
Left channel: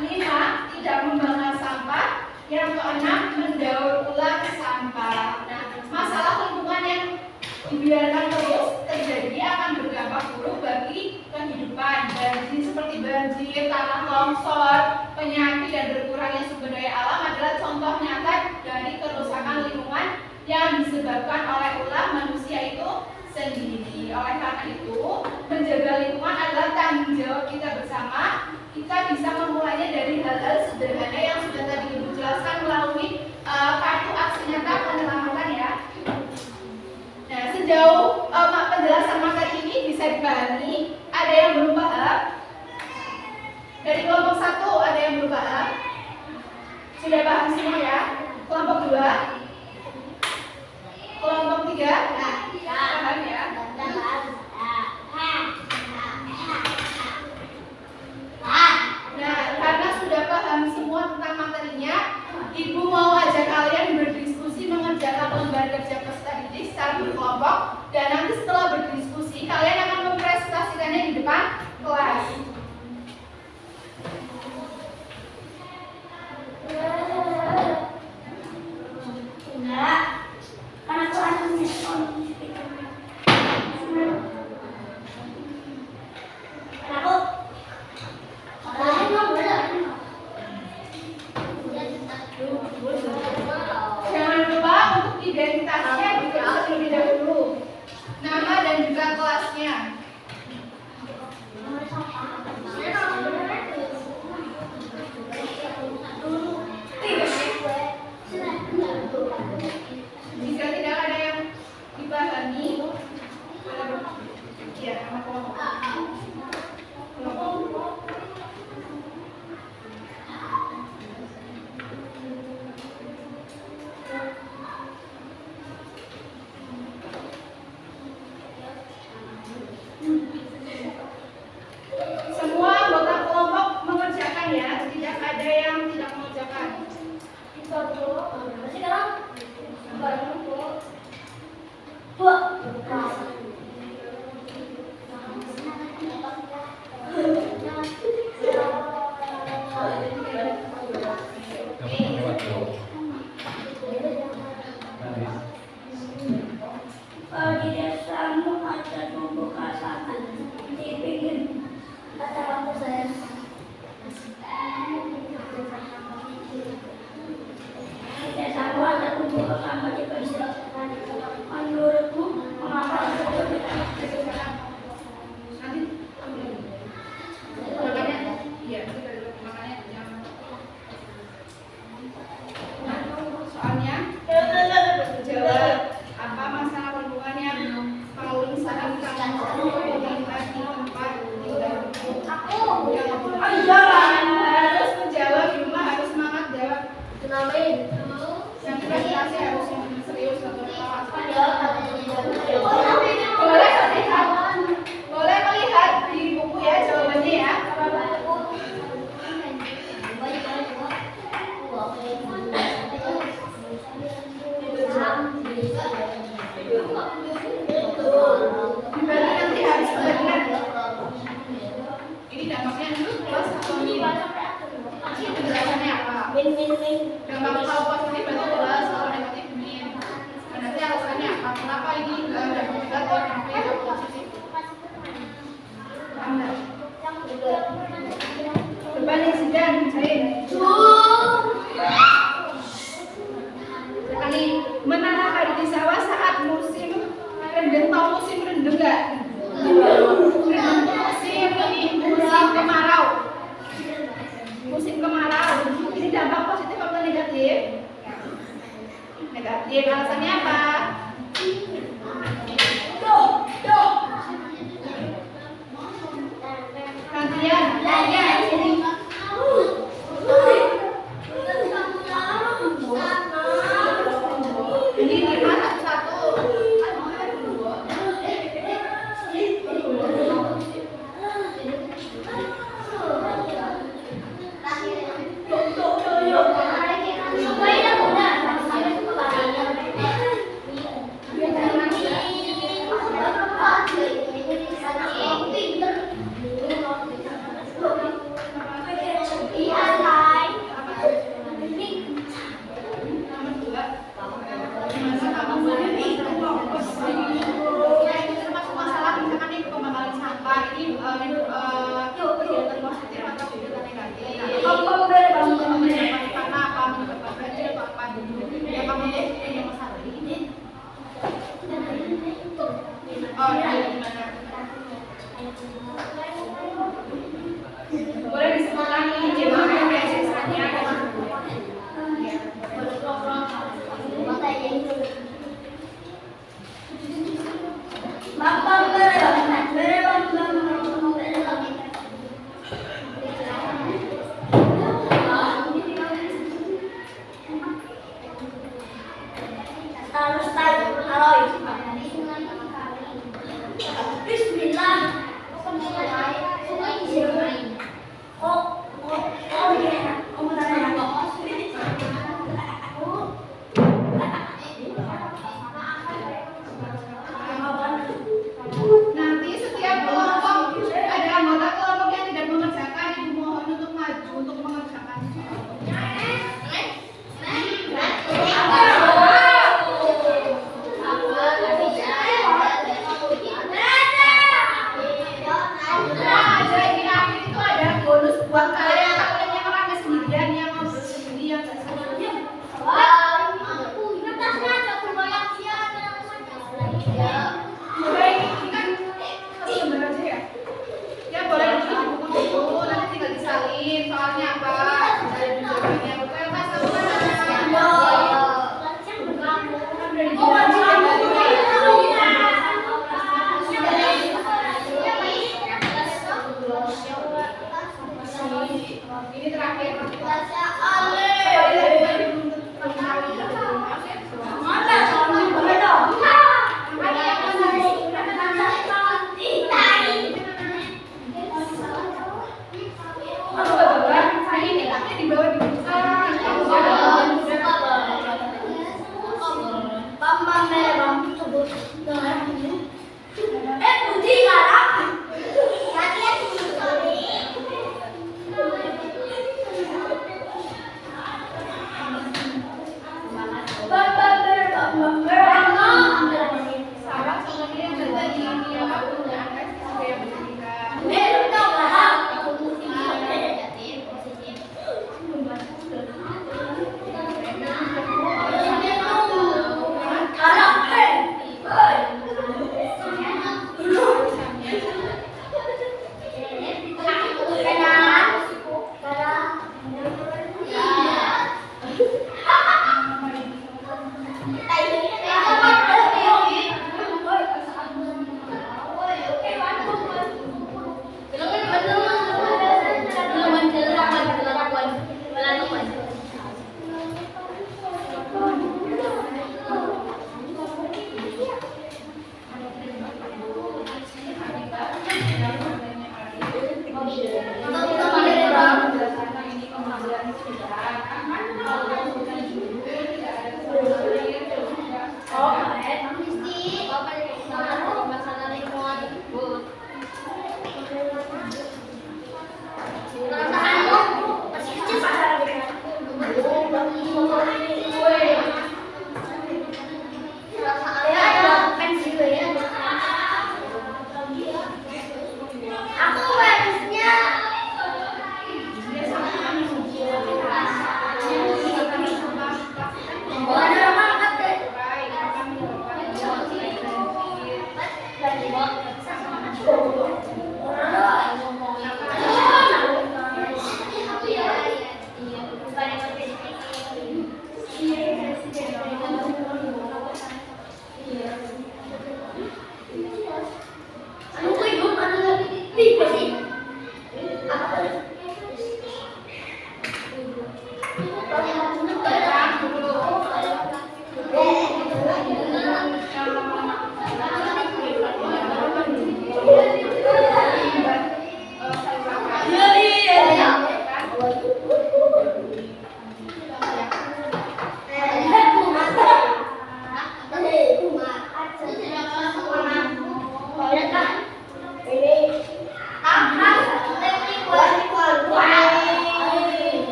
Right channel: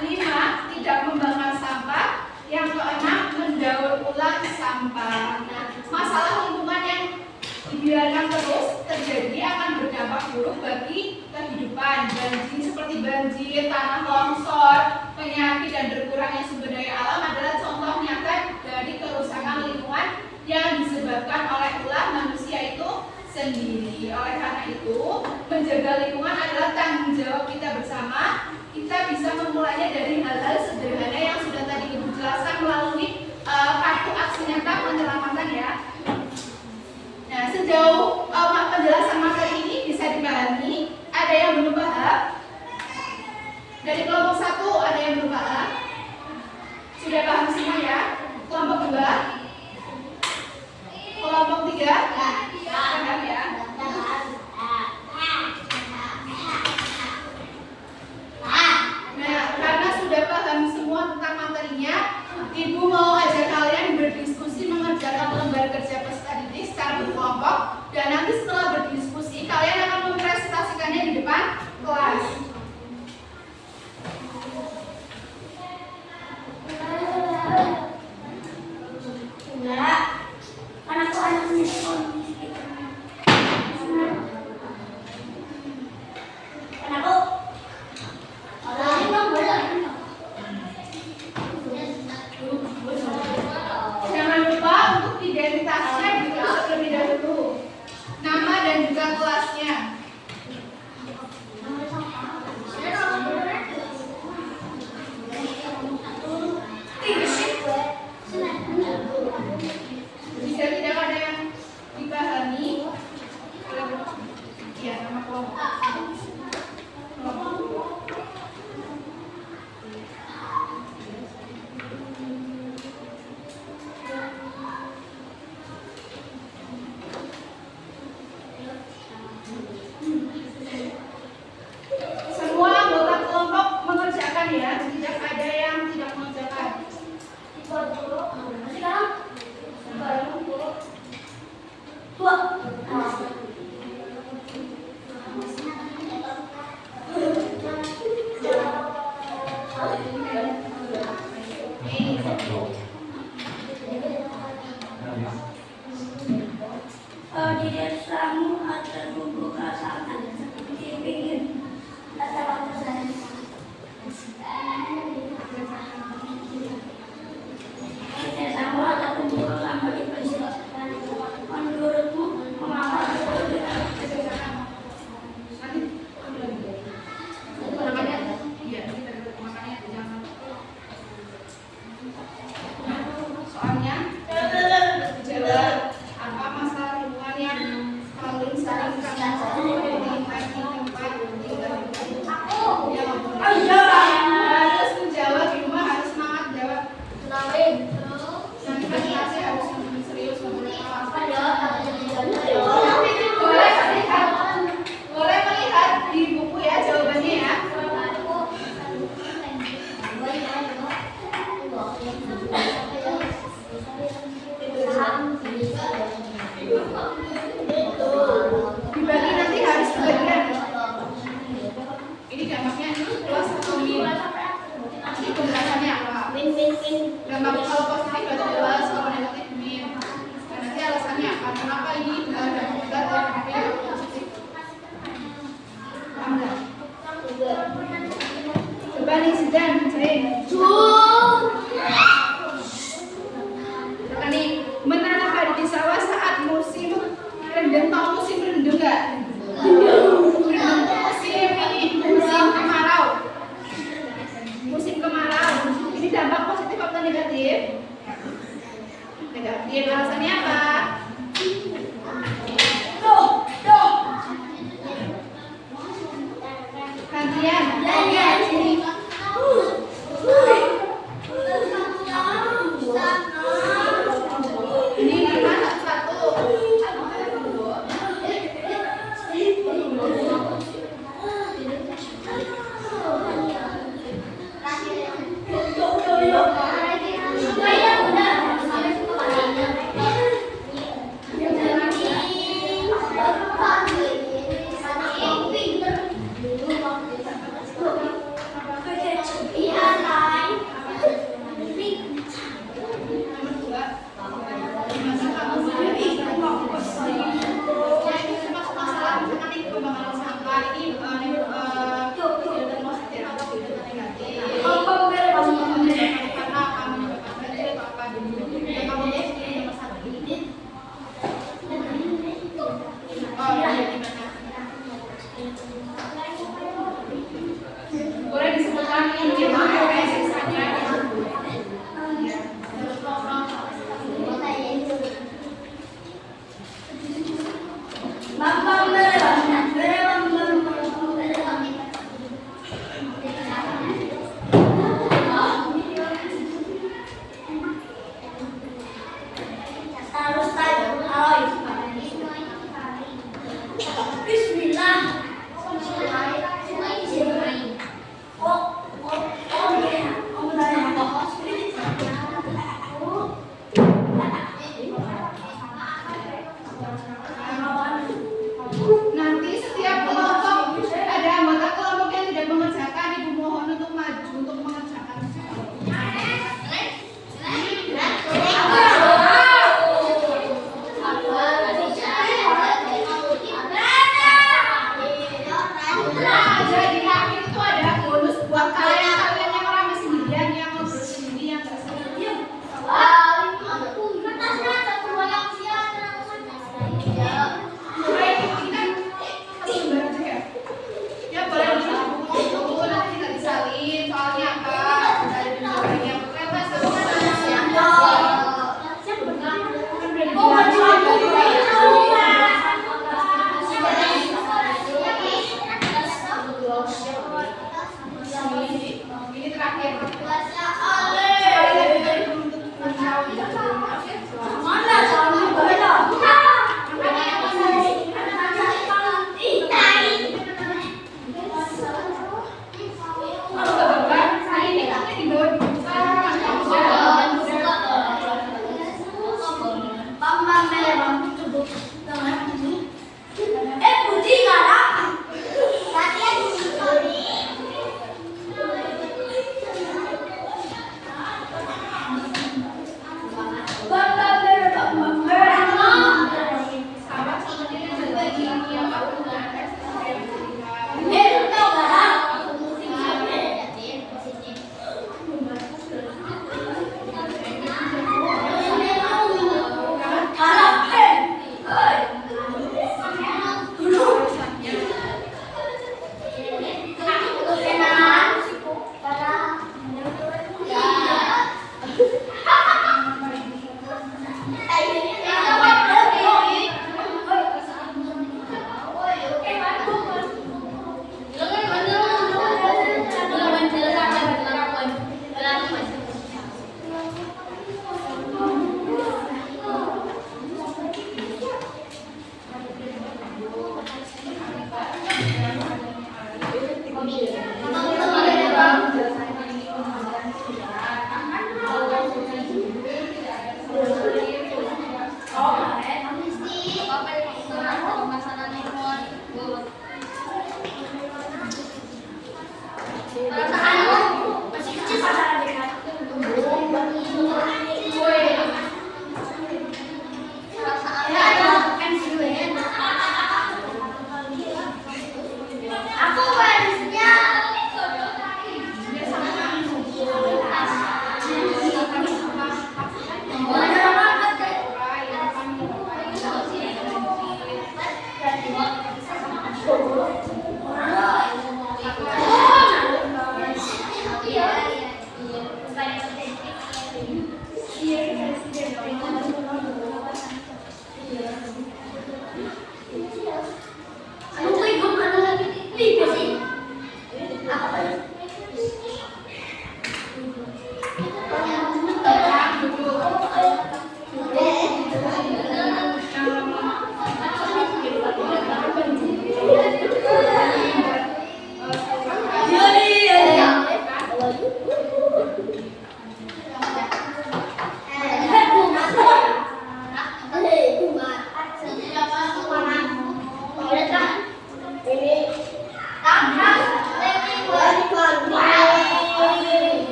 kelima, tidak membakar sampah. Yang keenam, mendaur ulang sampah. Nah, masalah lingkungan yang dibiarkan terus terjadi akan berdampak buruk bagi kehidupan. Banjir seperti banjir, tanah longsor, penyakit, dan berkurangnya sumber daya alam adalah contoh nyata dari kerusakan lingkungan yang disebabkan oleh ulah manusia itu sendiri. Oleh karena itu, menjaga lingkungan adalah tanggung jawab kita bersama. Kita bisa memulainya dari hal-hal sederhana yang sudah tadi Ibu jelaskan melalui kartu aksi nyata penyelamatan ya. Nah, sejauh penjelasan materi ini bisa dipahami. Ada yang belum paham? Dari kelompok 1 ada yang belum paham? Sudah paham semua ya? Kelompok 2? Kelompok 3? Paham ya? Nah, karena sudah paham semua tentang materinya, Ibu mau ajak kalian berdiskusi mengerjakan lembar kerja peserta didik secara berkelompok, dan nanti setelah berdiskusi kalian akan mempresentasikannya di depan kelas. kamu ada membuka sana dipingin kata waktu saya. Saya tahu ada membuka kamu di persidangan. Menurutmu mengapa itu tidak? Makanya, iya, kita duduk. Makanya, soalnya jawab apa masalah hubungan yang paling sering kamu lihat di tempat tinggal? Jawab. Oh iya. Harus menjawab di rumah, harus semangat jawab. Nanti presentasi harus serius, nggak boleh ketawa. Boleh melihat di buku ya jawabannya ya. Dibagi nanti harus kebagian. Ini dampaknya plus atau min? Ini penjelasannya apa? Dampak kalau positif berarti plus, kalau negatif min. Dan nanti alasannya apa? Kenapa ini dampak negatif? Kenapa ini positif? Paham nggak? Coba nih Zidan, bacain. Kata nih, menanam padi di sawah saat musim rendeng. Tahu musim rendeng nggak? Rendeng tuh musim kemarau. Musim kemarau. Ini dampak positif atau negatif? Negatif. Alasannya apa? Gantian. Ini lima satu.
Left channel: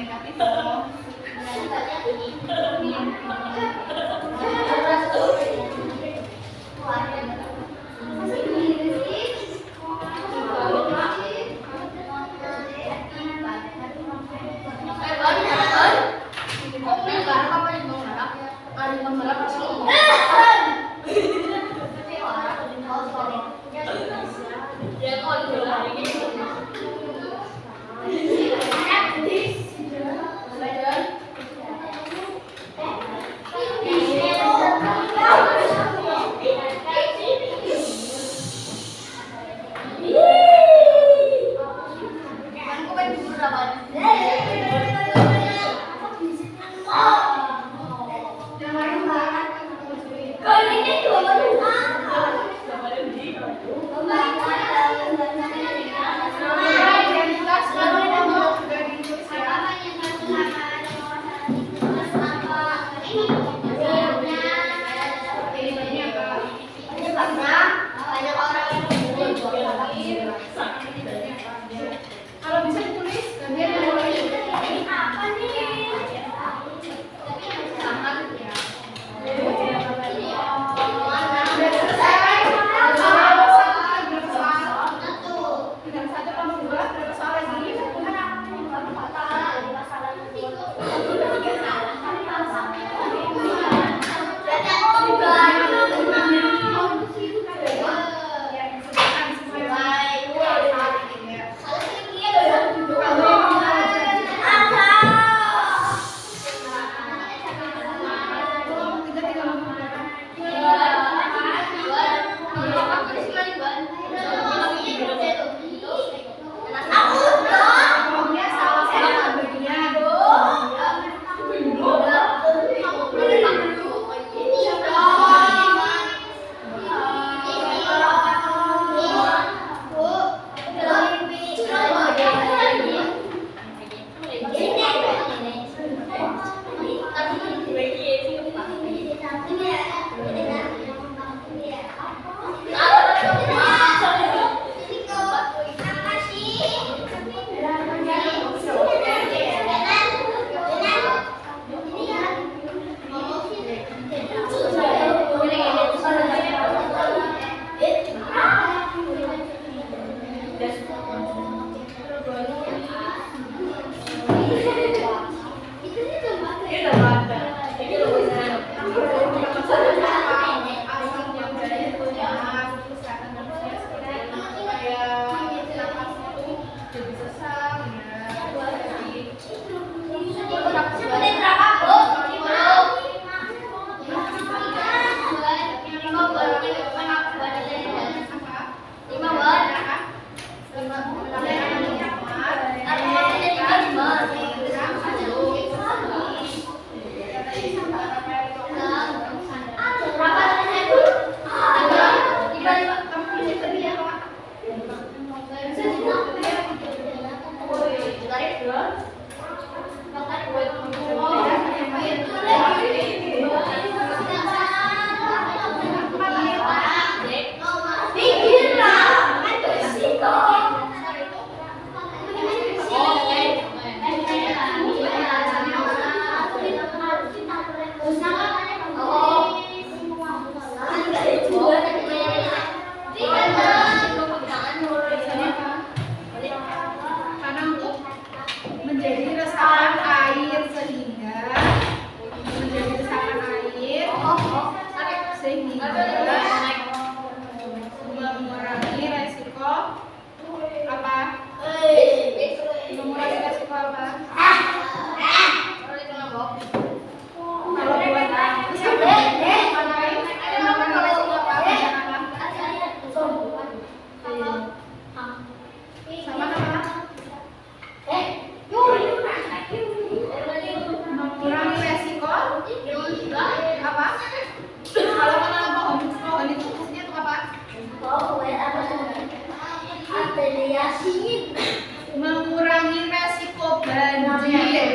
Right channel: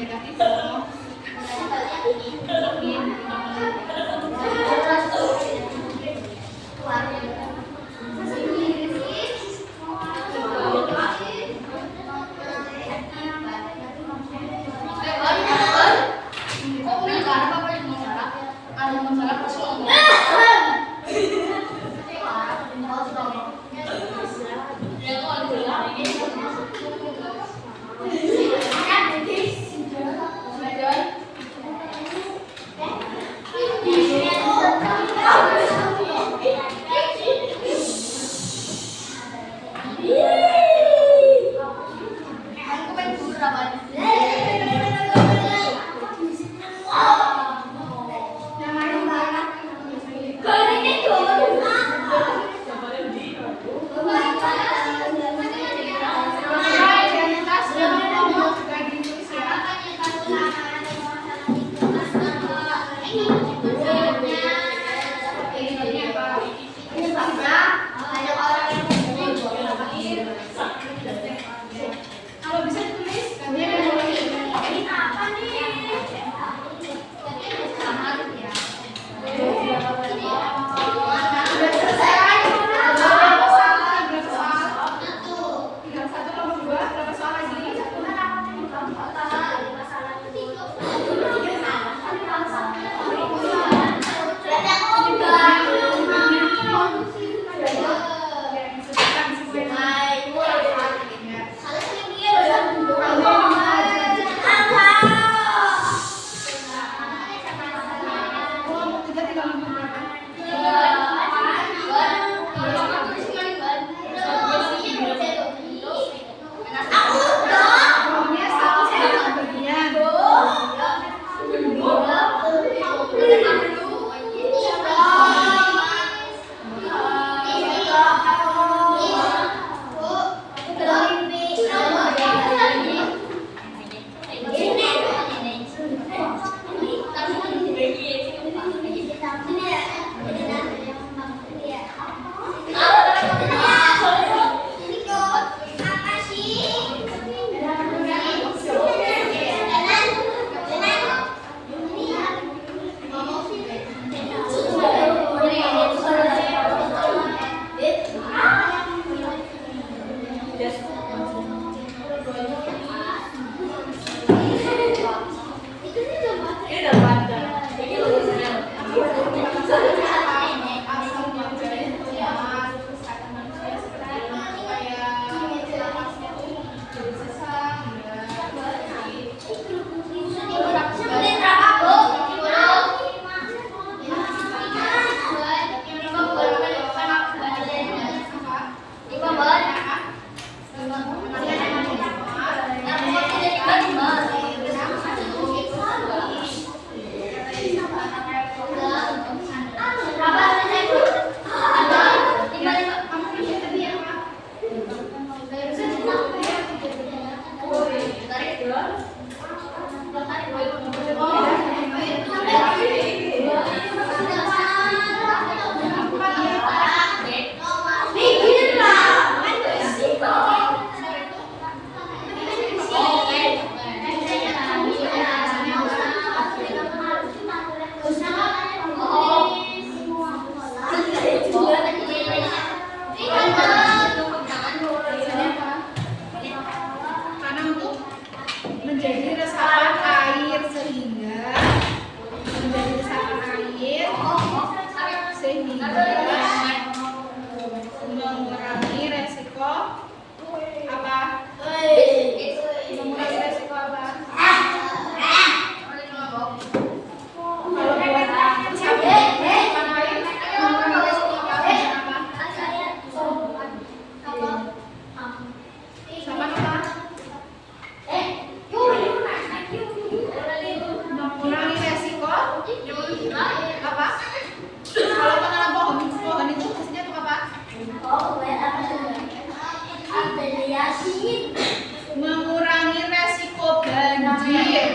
Negatif loh. sehingga mengurangi resiko apa? Mengurangi resiko apa? Kalau buat mengurangi resiko apa? Kalau kena pohon itu fungsinya untuk apa? Mengurangi resiko banjir.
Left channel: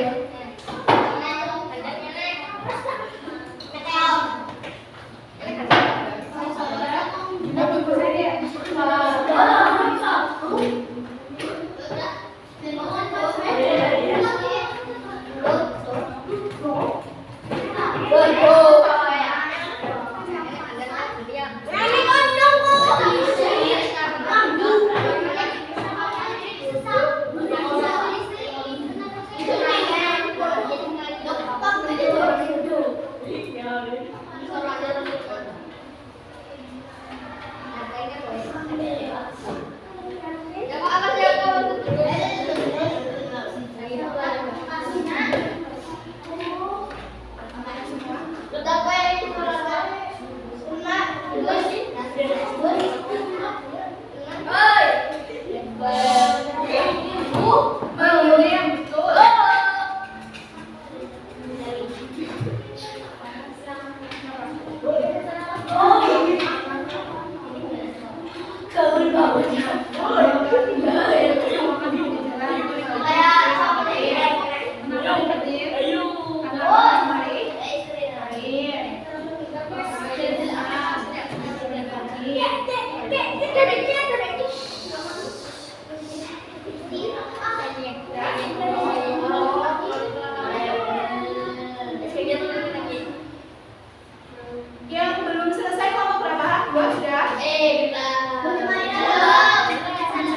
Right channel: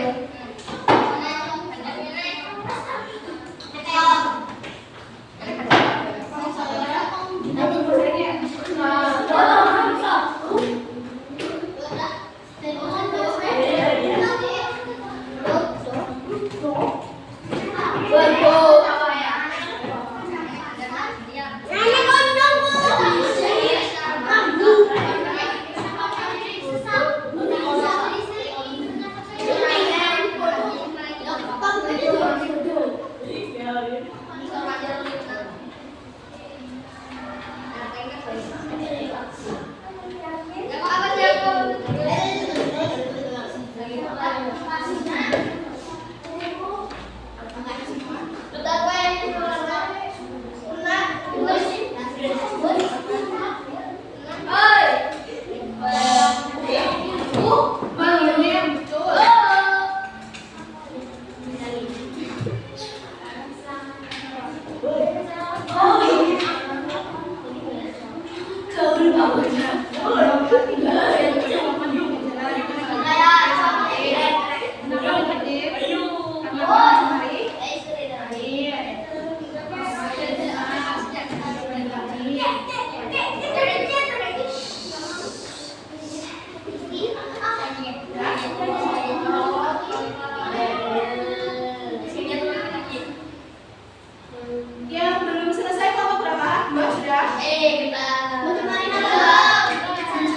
Yang belum selesai kelompok berapa? 2 sudah?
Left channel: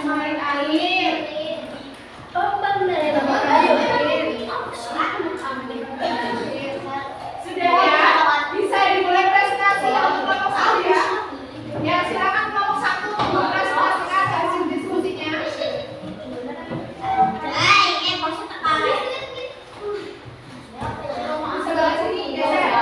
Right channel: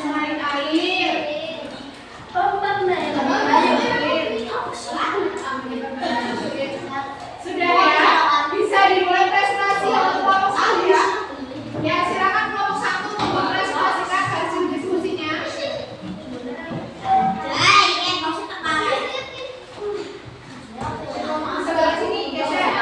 Main air. Sudah ya? Bisa dimulai presentasi untuk kelompok 1 ya? Ya, silakan kelompok 1 mempresentasikan hasil diskusinya. Sebelah sini, geser.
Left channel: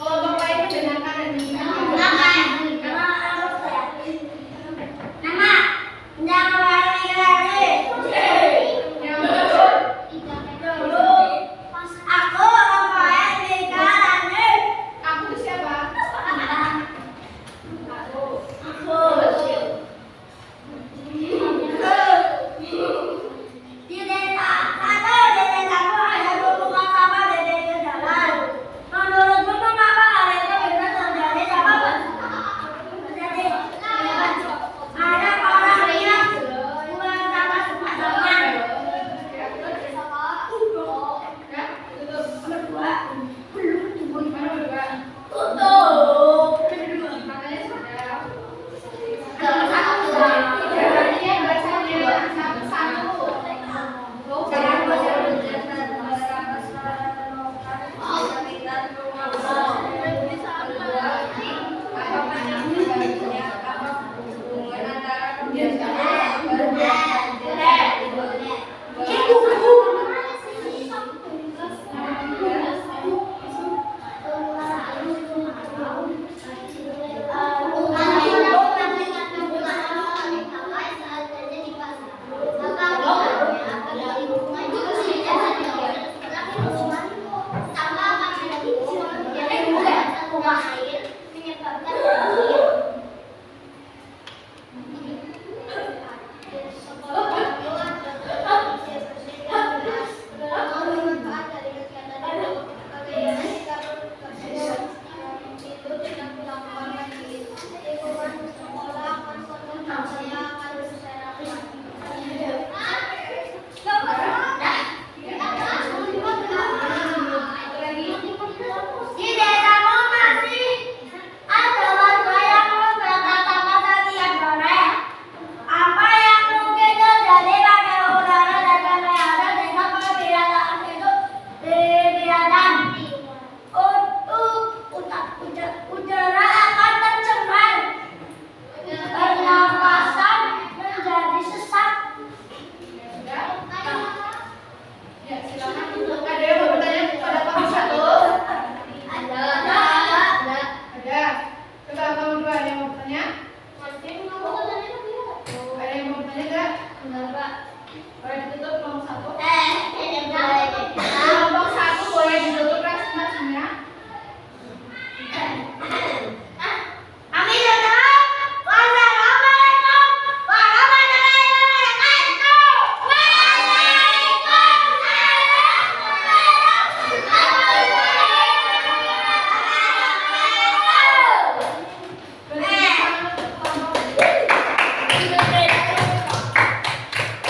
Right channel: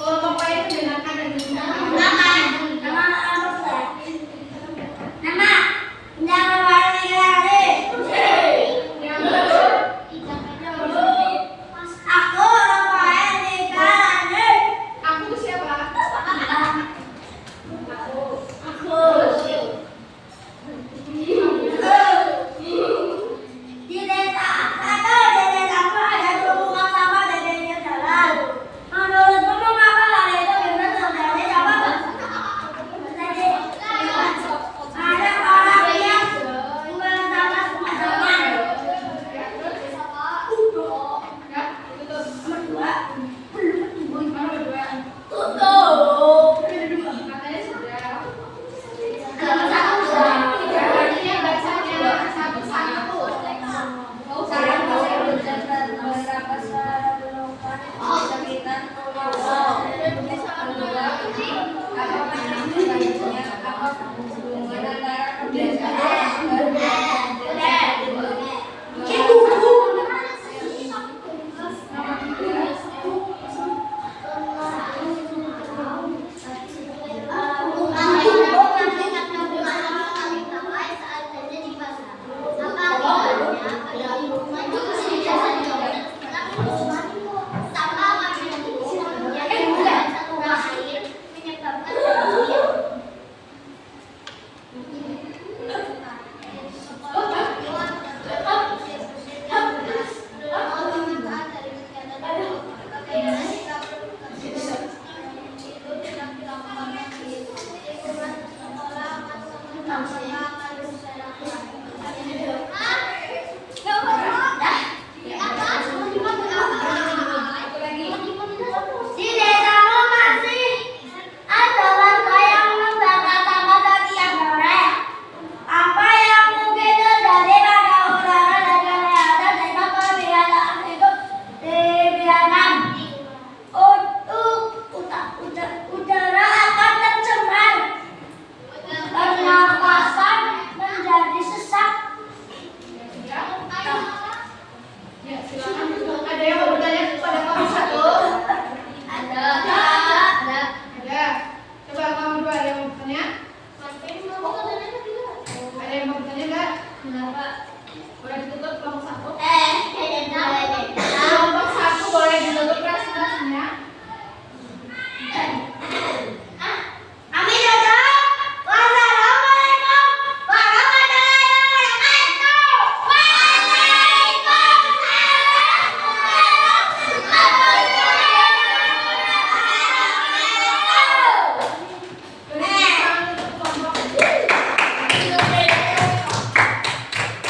Kelompok lain mendengarkan dan yang aku itu siapa? Ya, tutup. Nomor 2. Katanya sudah. Berarti bacanya satu-satu. Boleh ditutup kelompok satu. Kelompok satu boleh ditutup presentasinya.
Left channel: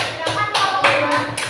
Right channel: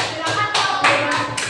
Silakan kelompok dua.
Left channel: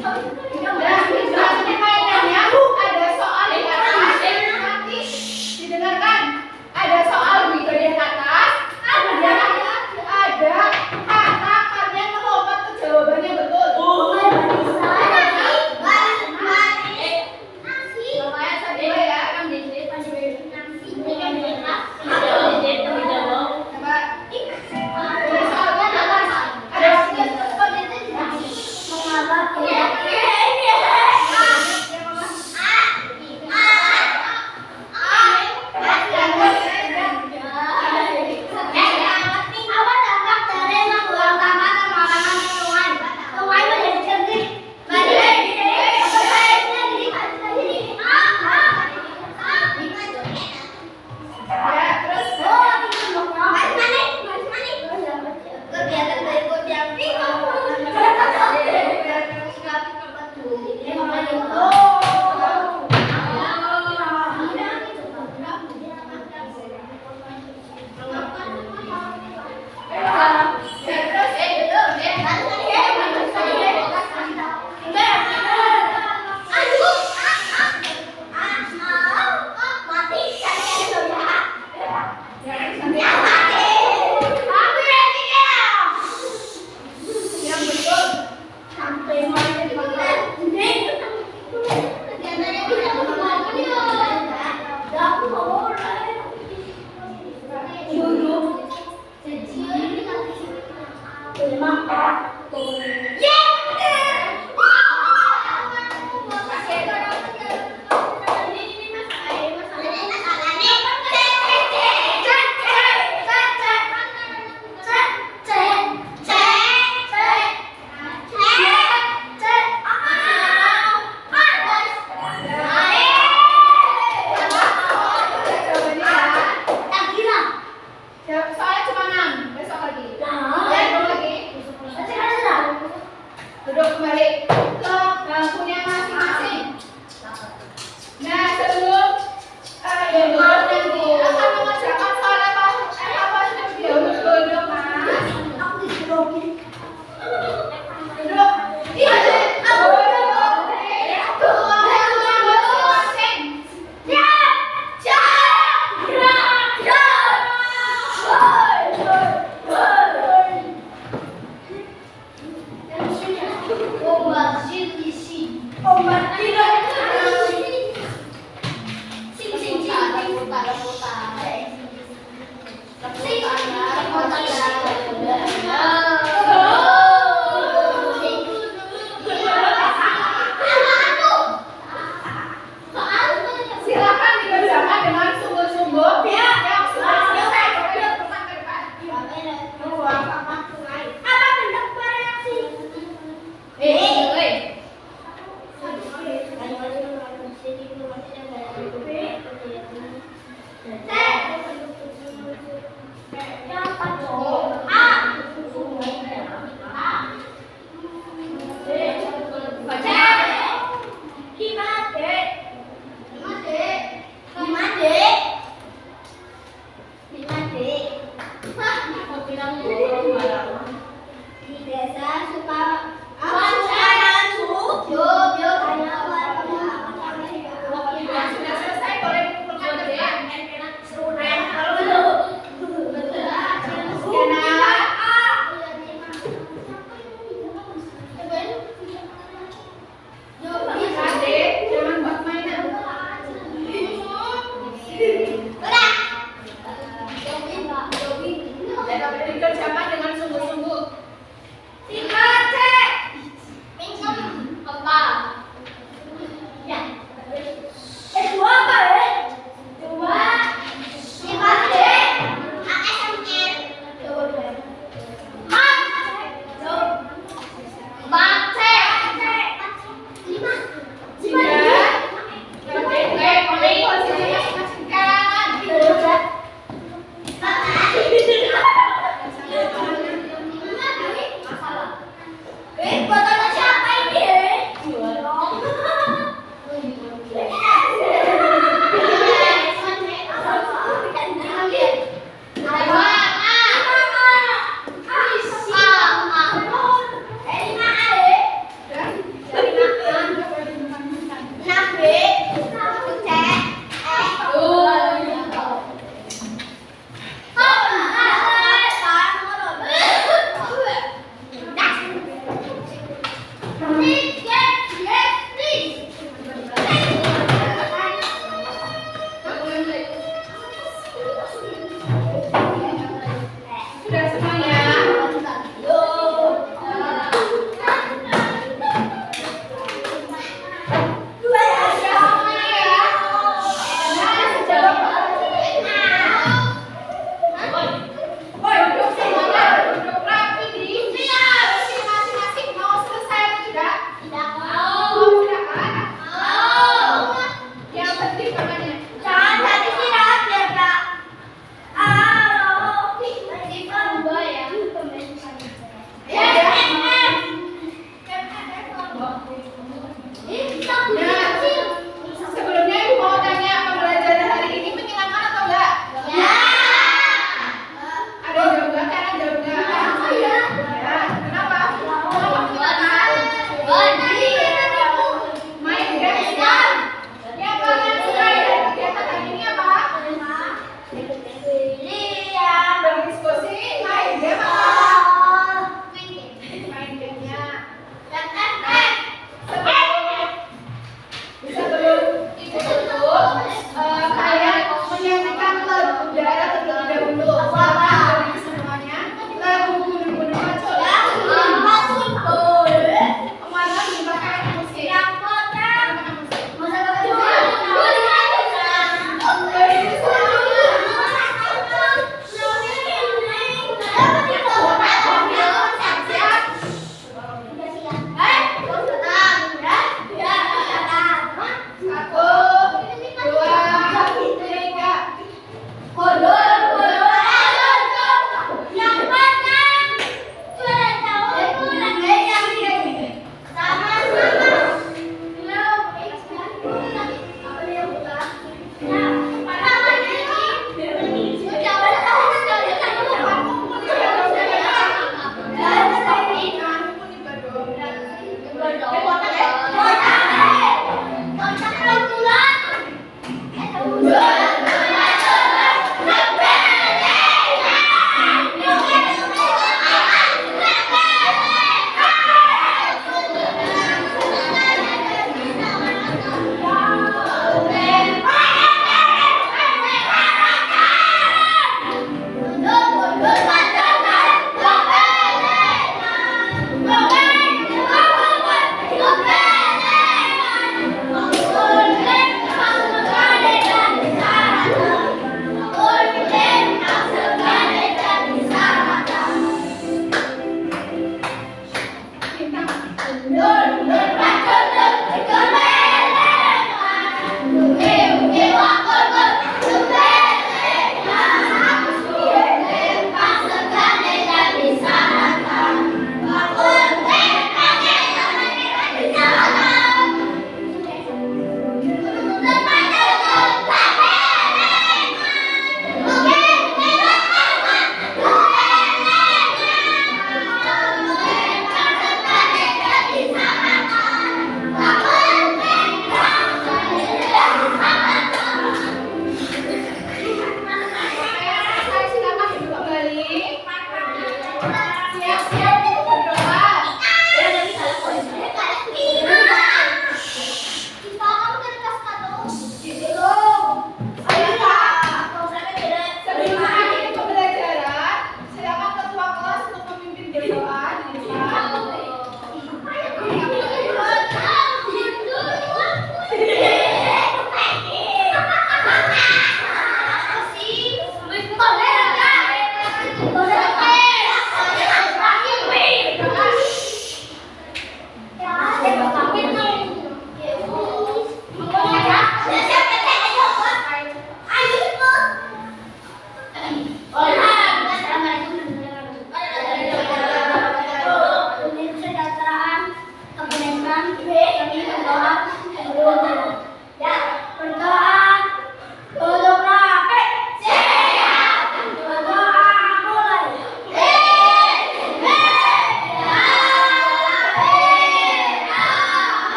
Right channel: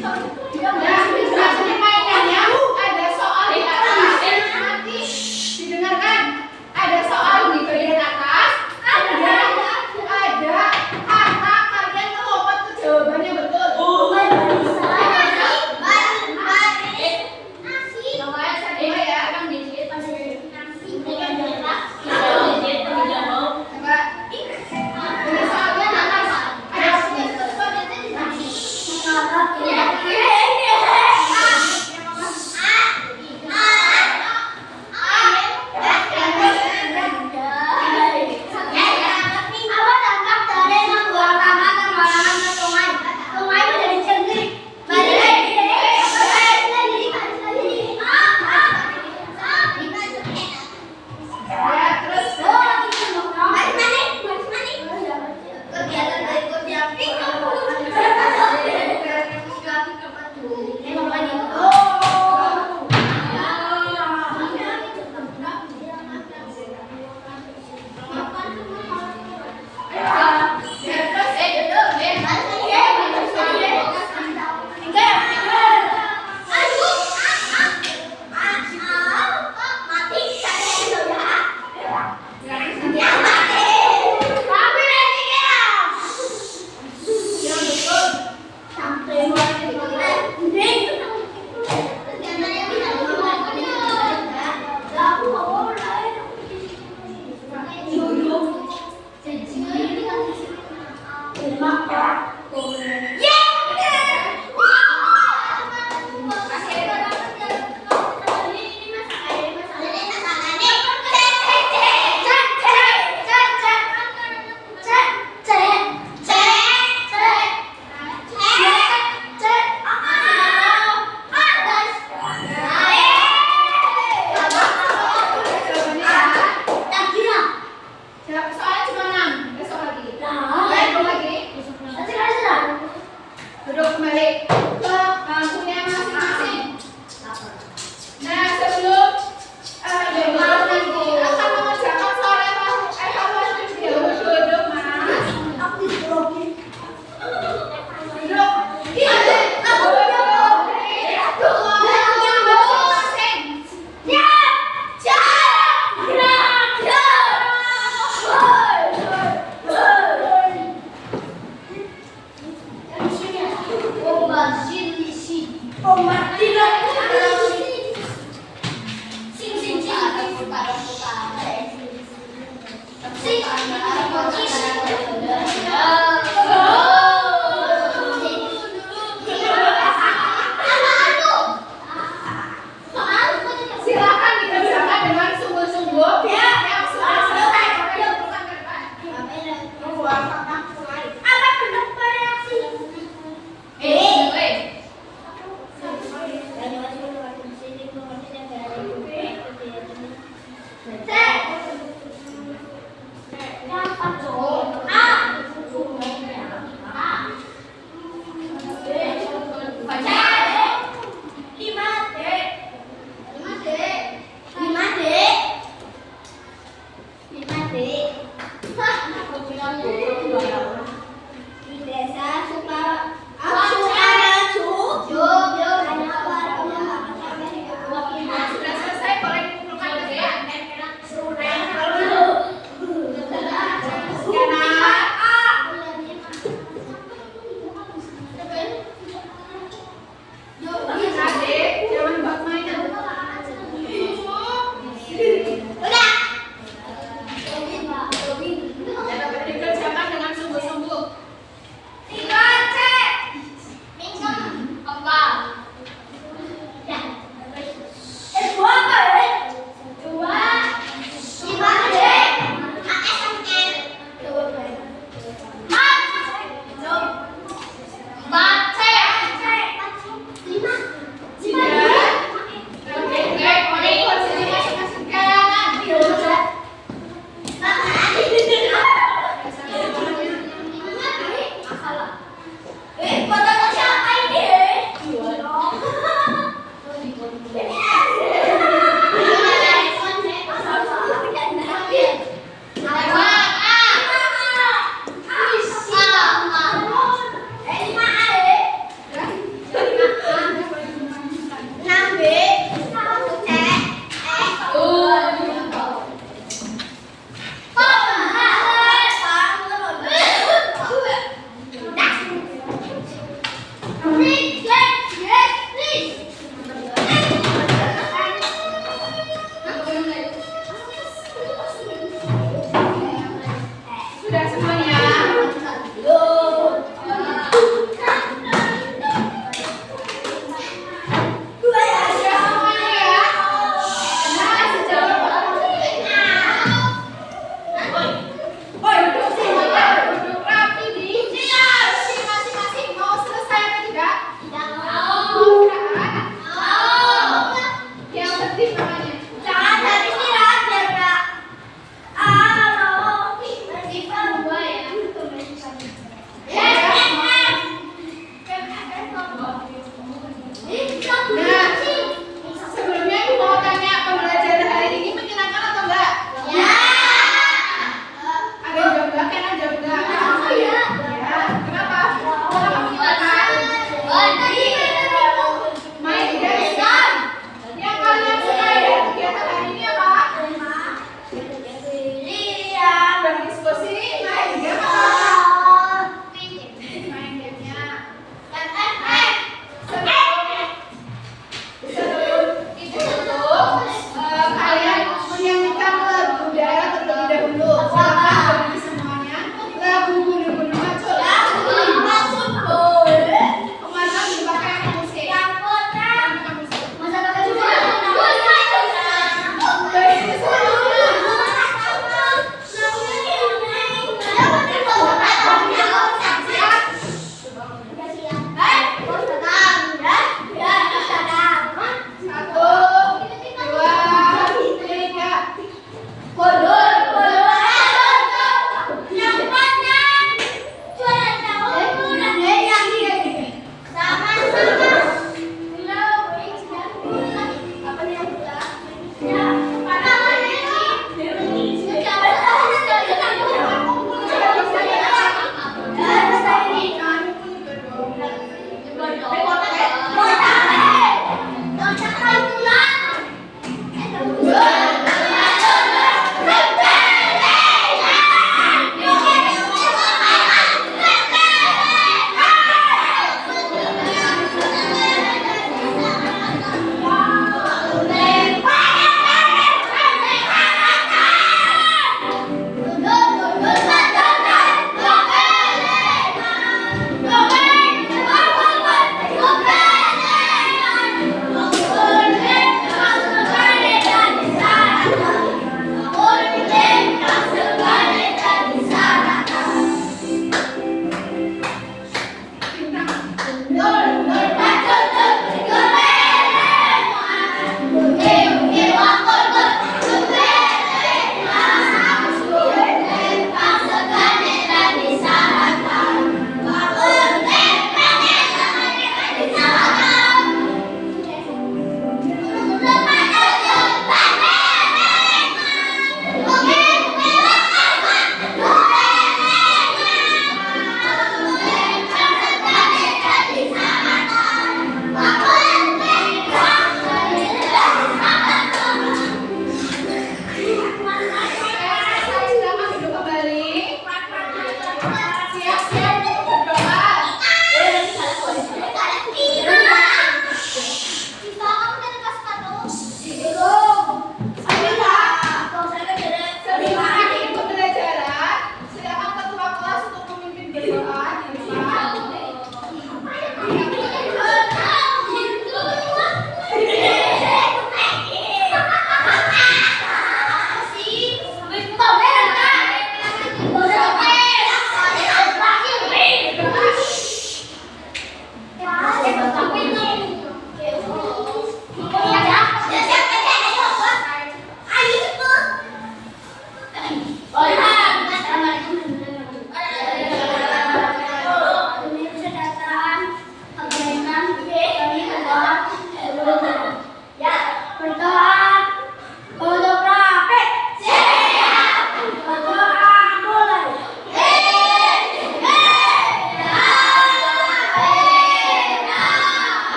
Kau itu